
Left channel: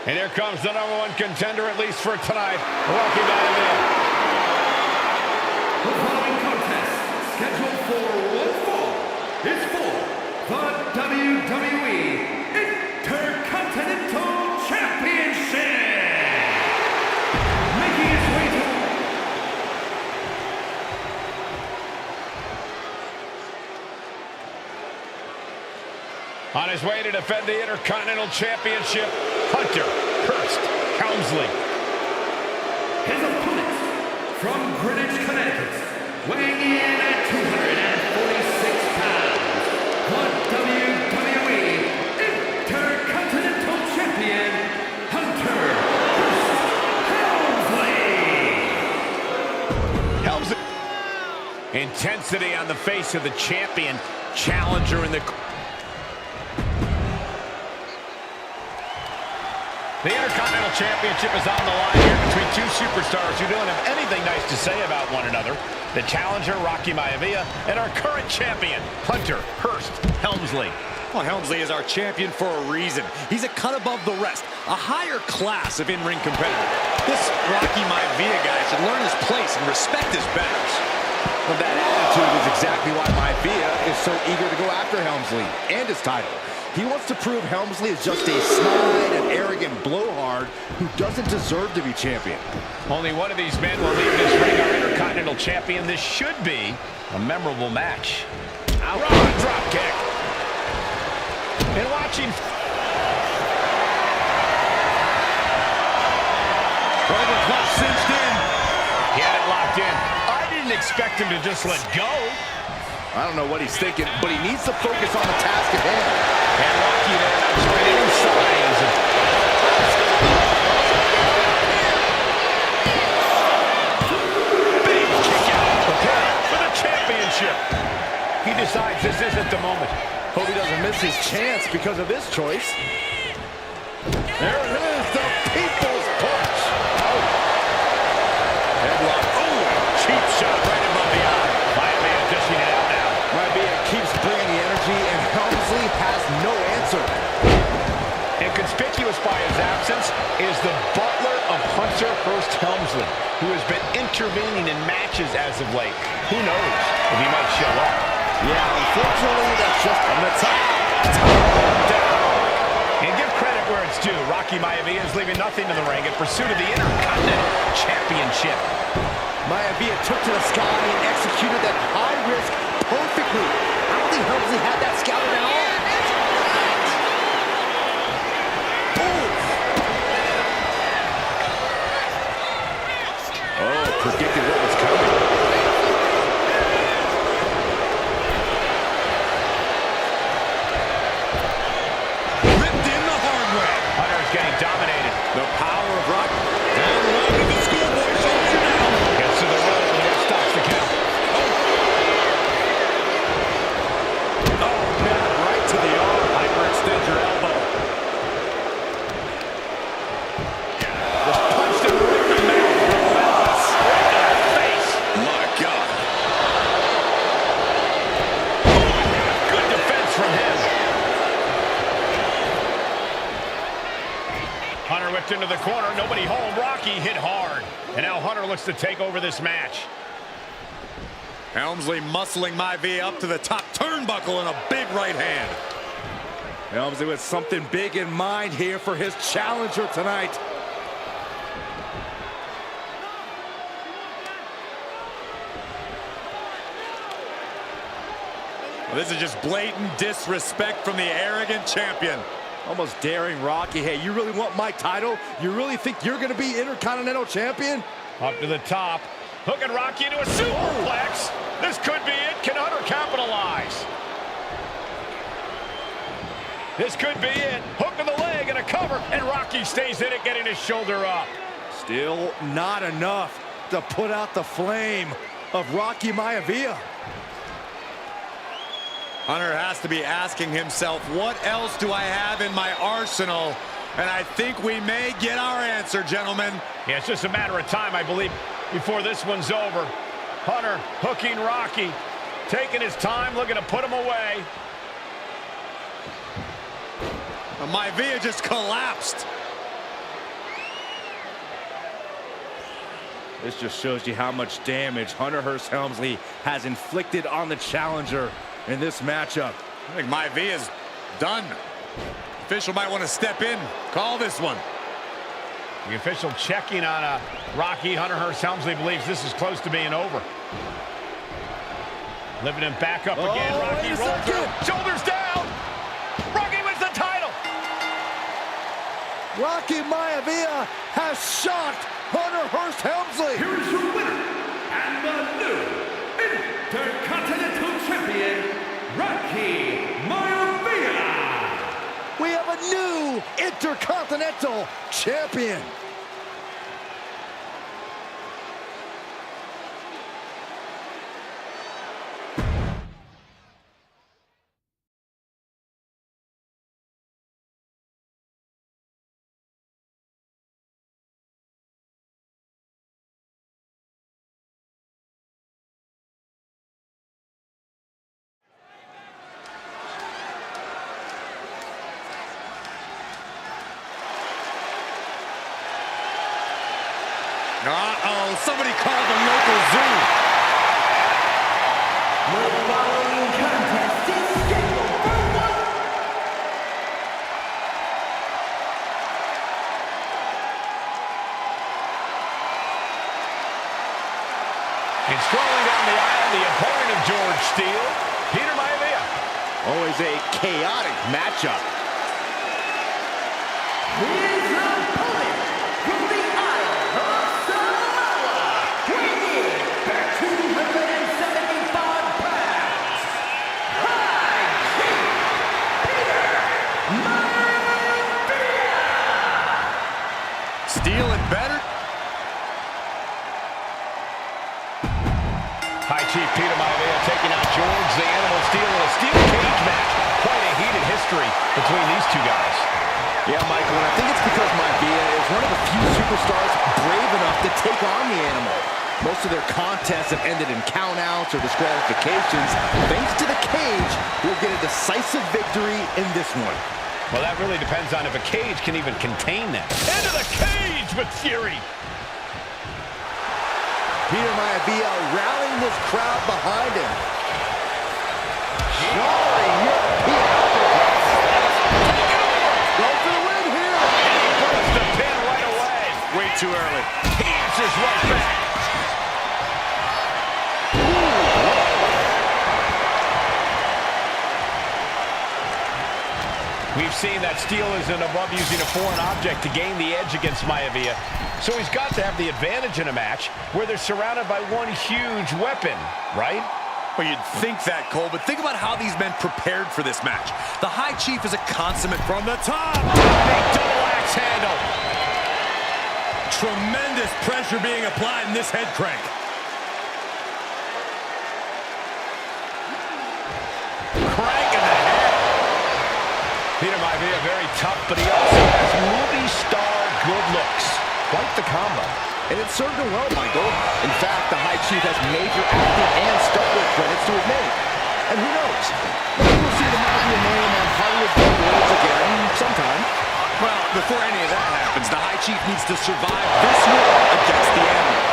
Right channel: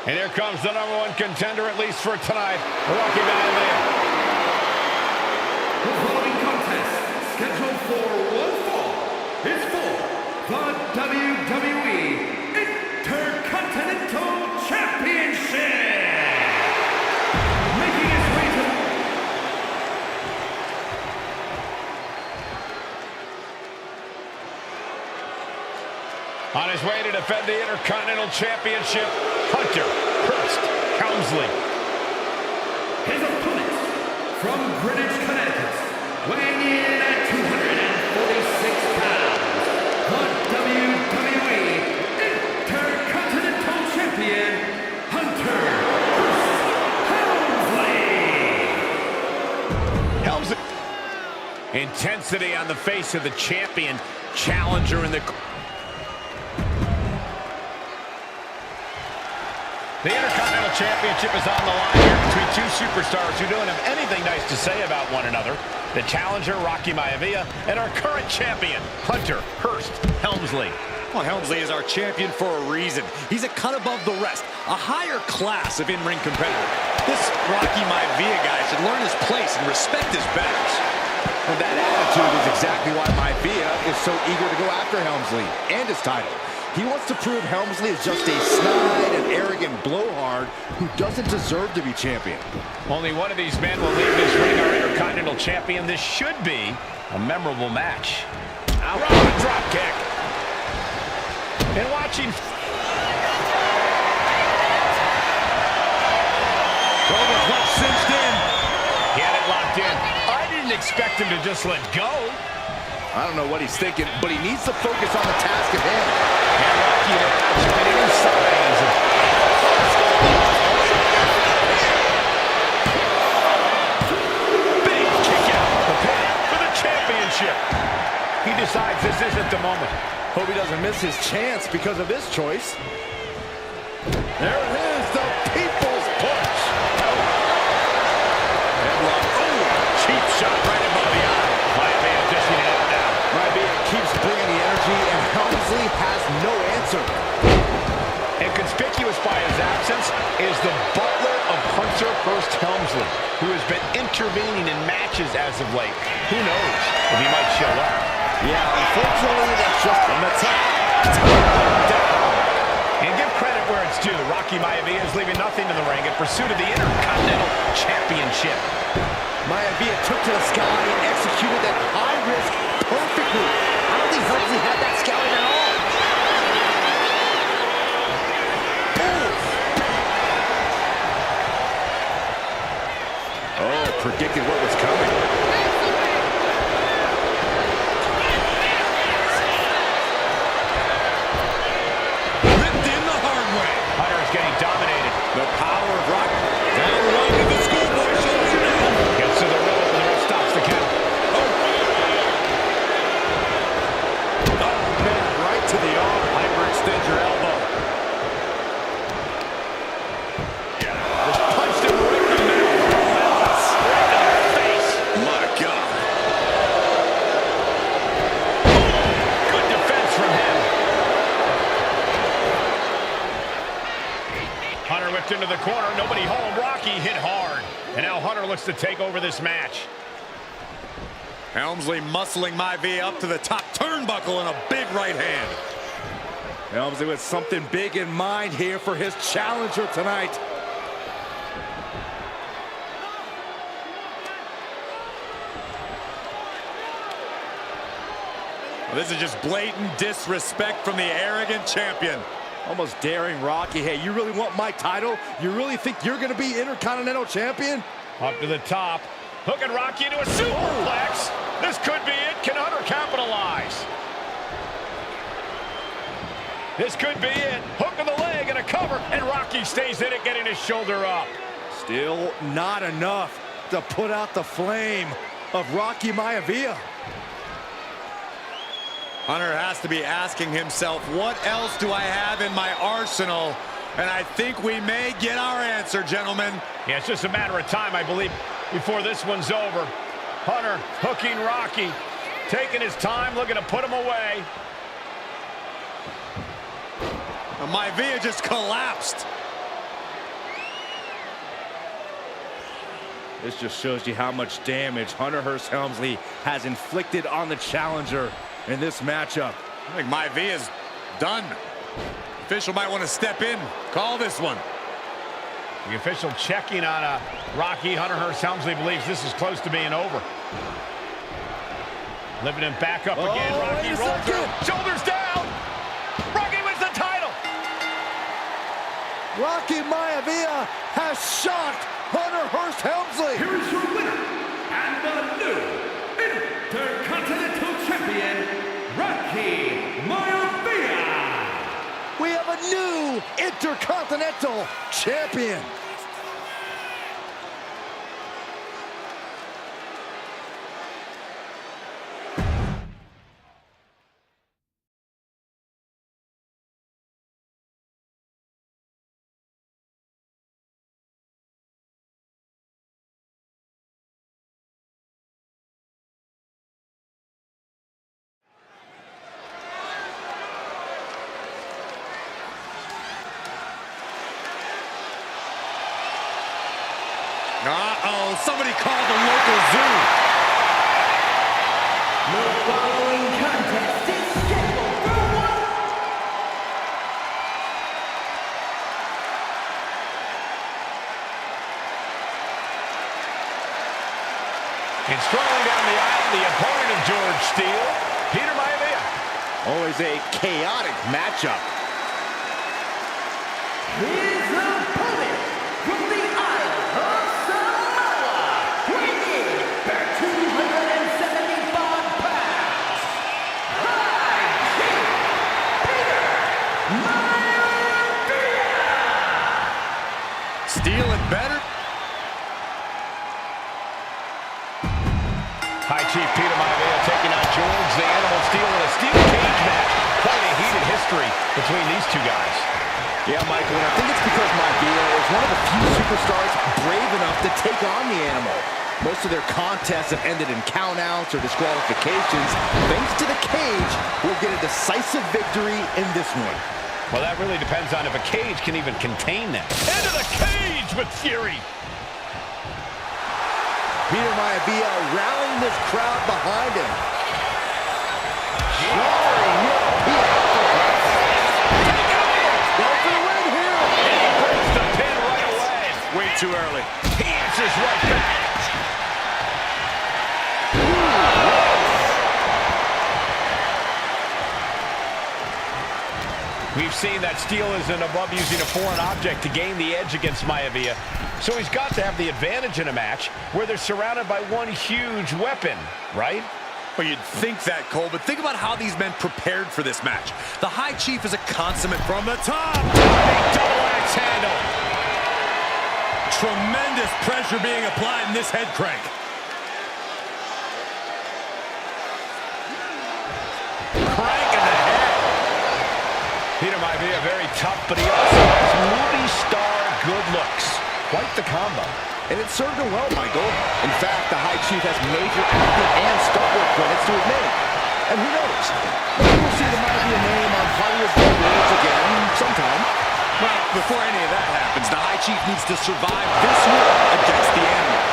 And here comes the #1 contender, at least for tonight, Rocky Balboa. The following contest, scheduled for one fall, is for the WWE Intercontinental Championship. Making his way to... On his way to defend the Intercontinental Championship, Hunter Hurst Helmsley. His opponent, from Greenwich, Connecticut, weighing in at 246 pounds, the WWE Intercontinental Champion, Hunter Hurst Helmsley. Helmsley. Intensity on the face of the champion, challenger in the... The Intercontinental Championship is on the line here between two superstars who don't have anything nice to say about one another. The challenger, Rocky Maivia, and our current champion, Hunter Hurst Helmsley. Well, Helmsley is our champion for a reason. He's a cut above the rest, a higher class of in-ring competitor. This Rocky Maivia guy should learn his place and respect his betters. Well, that attitude is exactly why Maivia is so eager to go after Helmsley and his title. He wants to prove Helmsley is just a snide and arrogant blowhard who doesn't deserve to be champion. Only one of these men will leave this ring our Intercontinental Champion. This should be a memorable match. Raw drop kick. And watching... Cobra clutch cinched in. He had it locked in. I didn't expect him to just let go. I don't know what he's thinking, but he needs to focus on the task at hand. And Rocky there not showing any signs of... Big kick out. For the championship. He decides this isn't the moment. Hope he doesn't miss his chance because of this choice. There it is, the People's Punch. Oh. Headlock. Oh, cheap shot right above the eye. Maivia dishing it out now. Maivia keeps bringing the energy, and Helmsley has no answer. And conspicuous by his absence is the butler of Hunter Hearst Helmsley, who has been intervening in matches as of late. Who knows if he might show up. Yeah, unfortunately, that's just from the top. Down. And give credit where it's due. Rocky Maivia is leaving nothing in the ring in pursuit of the Intercontinental Championship. Maivia took to the sky and executed that high-risk, perfect move. I don't think Helmsley had that scouted at all. Oh, predicted what was coming. Ripped in the hard way. Hunter is getting dominated. The power of Rock. Down the road to the schoolboy shoulder down. Gets to the rope and the ref stops the count. Oh, man, right to the arm. Hyperextend your elbow. Just punched him right in the mouth. Relentless. Right in the face. My God. Good defense from him. Hunter whipped into the corner. Nobody home. Rocky hit hard. And now Hunter looks to take over this match. Helmsley muscling Maivia up to the top turnbuckle and a big right hand. Helmsley with something big in mind here for his challenger tonight. Well, this is just blatant disrespect from the arrogant champion. Almost daring Rocky. Hey, you really want my title? You really think you're going to be Intercontinental Champion? Up to the top. Hooking Rocky into a superplex. This could be it. Can Hunter capitalize? This could be it. Hook to the leg and a cover. And Rocky stays in it, getting his shoulder up. Still not enough to put out the flame of Rocky Maivia. Hunter has to be asking himself, what else do I have in my arsenal? And I think we may get our answer, gentlemen. Yeah, it's just a matter of time, I believe, before this one's over. Hunter hooking Rocky, taking his time, looking to put him away. Maivia just collapsed. This just shows you how much damage Hunter Hearst Helmsley has inflicted on the challenger in this matchup. I think Maivia's done. Official might want to step in, call this one. The official checking on Rocky. Hunter Hearst Helmsley believes this is close to being over. Living him back up again. Rocky rolls through. Shoulders down. Rocky wins the title. Rocky Maivia has shocked Hunter Hearst Helmsley. Here is your winner, and the new Intercontinental Champion, Rocky Maivia. We have a new Intercontinental Champion. Uh-oh, somebody called the local zoo. following contest is scheduled for one. And strolling down the aisle, the opponent of George Steele, Peter Maivia. Always a chaotic matchup. His opponent from the Isle of Samoa, weighing in at 275 pounds, High Chief Peter Maivia. Steele and better. High Chief Peter Maivia taking on George the Animal Steele in a steel cage match. Quite a heated history between these two guys. Yeah, Michael, and I think it's because Maivia is one of the few superstars brave enough to take on the Animal. Most of their contests have ended in countouts or disqualifications. Thanks to the cage, we'll get a decisive victory in this one. Well, that really depends on if a cage can even contain them. Into the cage with fury. Peter Maivia rallying this crowd behind him. Jarring European uppercuts. Take it over. Go for the win here. And he breaks the pin right away. Way too early. He answers right back. We've seen that Steele isn't above using a foreign object to gain the edge against Maivia. So he's got to have the advantage in a match where they're surrounded by one huge weapon, right? Well, you'd think that, Cole, but think about how these men prepared for this match. The High Chief is a consummate from the top. Big double axe handle. Tremendous pressure being applied in this head crank. Crank in the head. Peter Maivia very tough, but he also has movie star good looks. Quite the combo. And it served him well, Michael. In fact, the High Chief has major acting and stuntwork credits to his name. And who knows? Maybe we'll see the Maivia name on Hollywood billboards again sometime. Well, before any of that happens, the High Chief needs to survive this war against the Animal.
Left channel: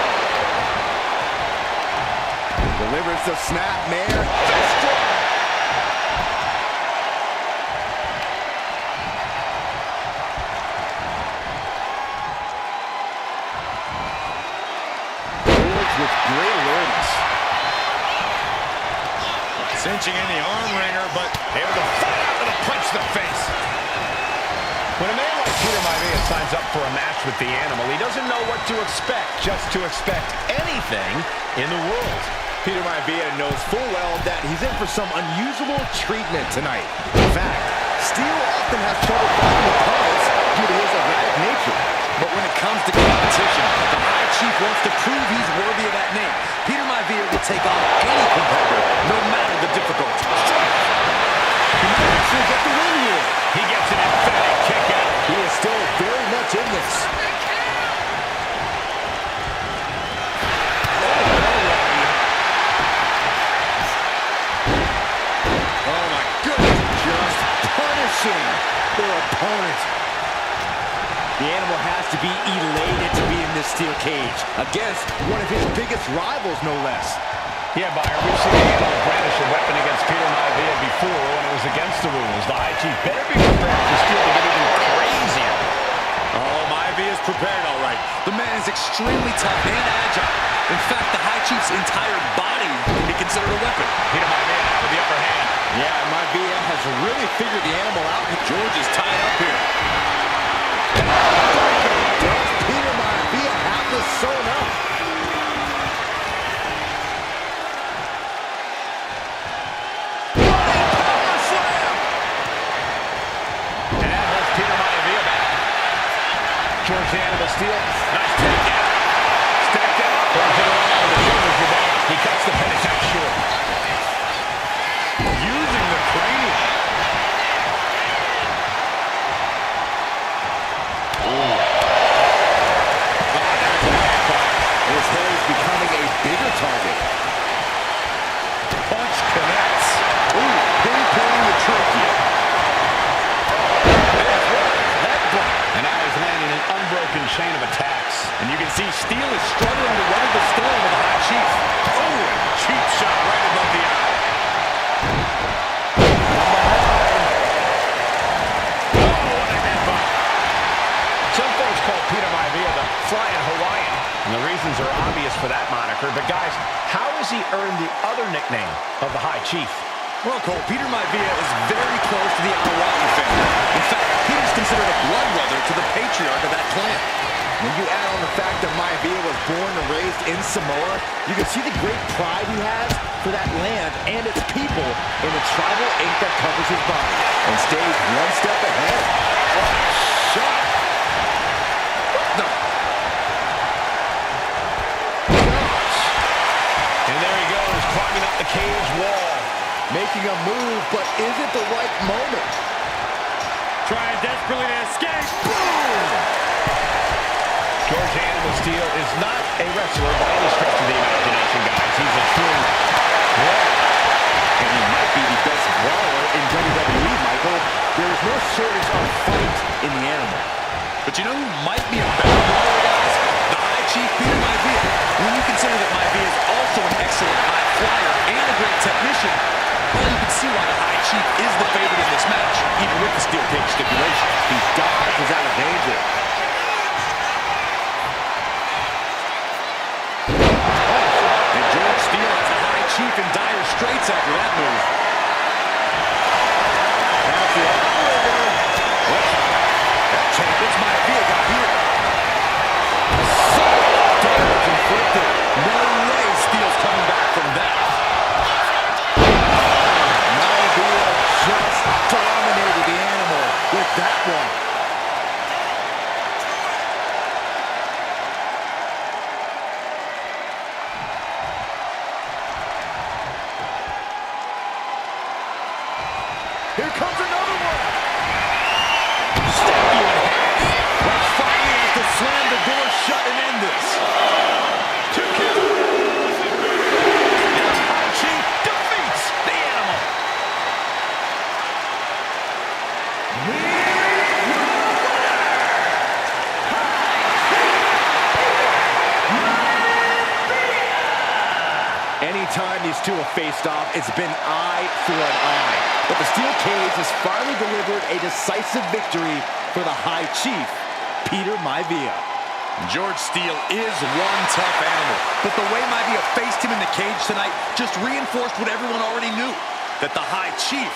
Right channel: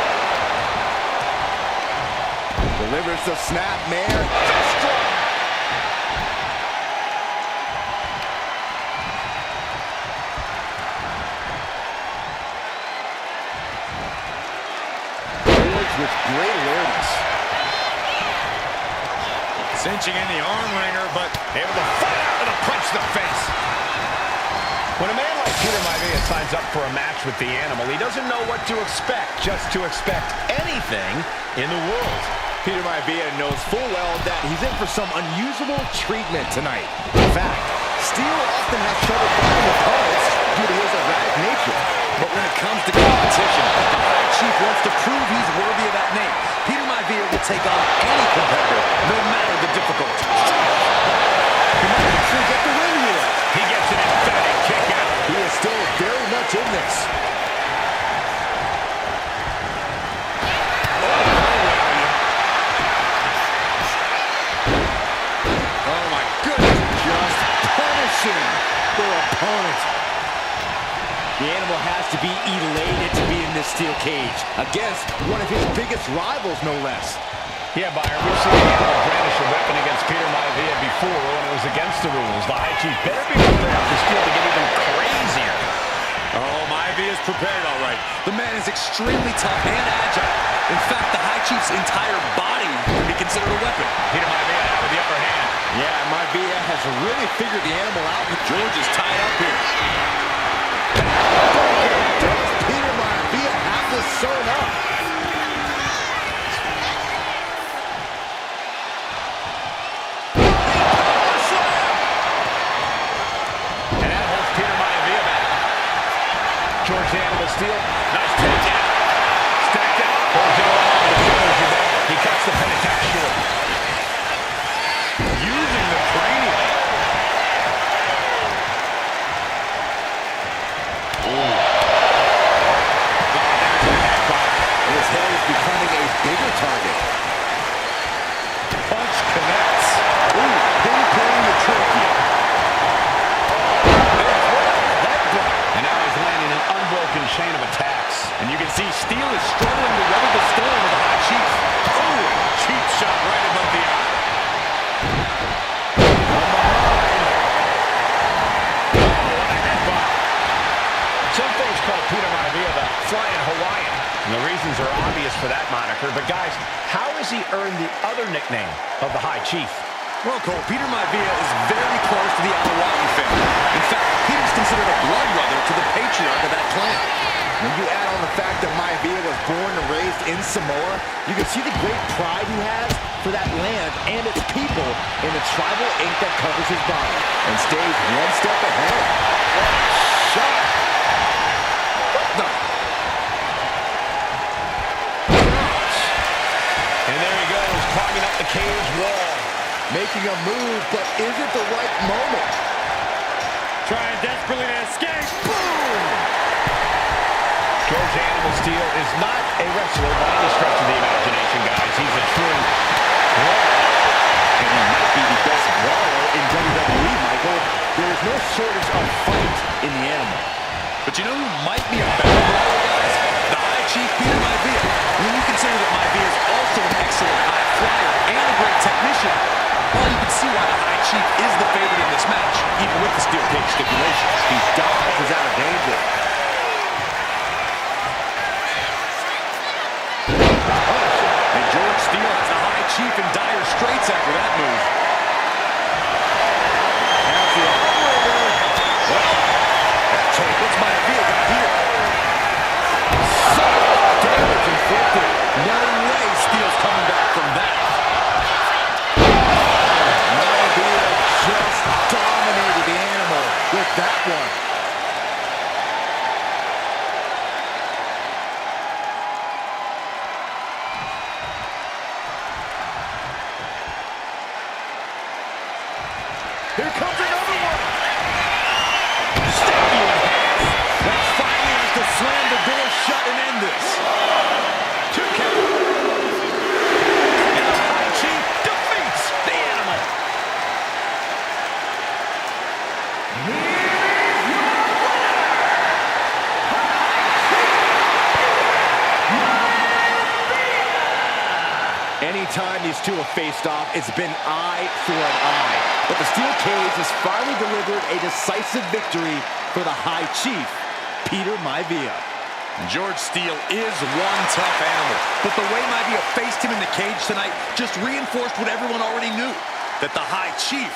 Delivers the snap, Mayor. Fist drop. With great awareness. Cinching in the arm wringer, but able to fight out with a punch to the face. When a man like Peter Maivia signs up for a match with the Animal, he doesn't know what to expect, just to expect anything in the world. Peter Maivia knows full well that he's in for some unusual treatment tonight. In fact, Steele often has trouble finding opponents due to his erratic nature. But when it comes to competition, the High Chief wants to prove he's worthy of that name. Peter Maivia will take on any competitor, no matter the difficulty. He might actually get the win here. He gets an emphatic kick out. He is still very much in this. Oh my goodness. Just punishing their opponent. The Animal has to be elated to be in this steel cage against one of his biggest rivals, no less. Yeah, Byron, we've seen the Animal brandish a weapon against Peter Maivia before when it was against the rules. The High Chief better be prepared for Steele to get even crazier. Oh, Maivia is prepared, all right. The man is extremely tough and agile. In fact, the High Chief's entire body can be considered a weapon. Peter Maivia now with the upper hand. Yeah, Maivia has really figured the Animal out. George is tied up here. Does Peter Maivia have this sewn up? Power slam! And that holds Peter Maivia back. George the Animal Steele. Nice takedown. Stacked him up. Pulls it around. The shoulders are down. He cuts the pin attack short. Using the cranium. His head is becoming a bigger target. Punch connects. Ooh, pinpointing the trachea. Headbutt. And now he's landing an unbroken chain of attacks. And you can see Steele is struggling to weather the storm of the High Chief. Oh, cheap shot right above the eye. high-flying Hawaiian. And the reasons are obvious for that moniker. But, guys, how has he earned the other nickname of the High Chief? Well, Cole, Peter Maivia is very close to the Anawaki family. In fact, Peter's considered a blood brother to the patriarch of that clan. When you add on the fact that Maivia was born and raised in Samoa, you can see the great pride he has for that land and its people in the tribal ink that covers his body and stays one step ahead. What a shot! What the? Gosh! And there he goes, climbing up the cage wall. Making a move, but is it the right moment? Trying desperately to escape. Boom! George Animal Steel is not a wrestler by any stretch of the imagination, guys. He's a true brawler. And he might be the best brawler in WWE, Michael. There is no shortage of fight in the animal. But you know who might be a better brawler, guys? The High Chief, Peter Maivia. When you consider that Maivia is also an excellent high flyer and a great technician, well, you can see why the High Chief is the favorite in this match, even with the steel cage stipulations. He dodges out of danger. And George Steele has the High Chief in dire straits after that move. That's the arm wringer. Well, that change. What's Maivia got here? So much damage inflicted. No way Steele's coming back from that. Maivia just dominated the animal with that one. Here comes another one. Step you in half. That finally has to slam the door shut and end this. 2 count. And the High Chief defeats the animal. Here is your winner, High Chief Peter Maivia. Anytime these two have faced off, it's been eye for an eye. But the steel cage has finally delivered a decisive victory for the High Chief, Peter Maivia. George Steele is one tough animal, but the way Maivia faced him in the cage tonight just reinforced what everyone already knew, that the High Chief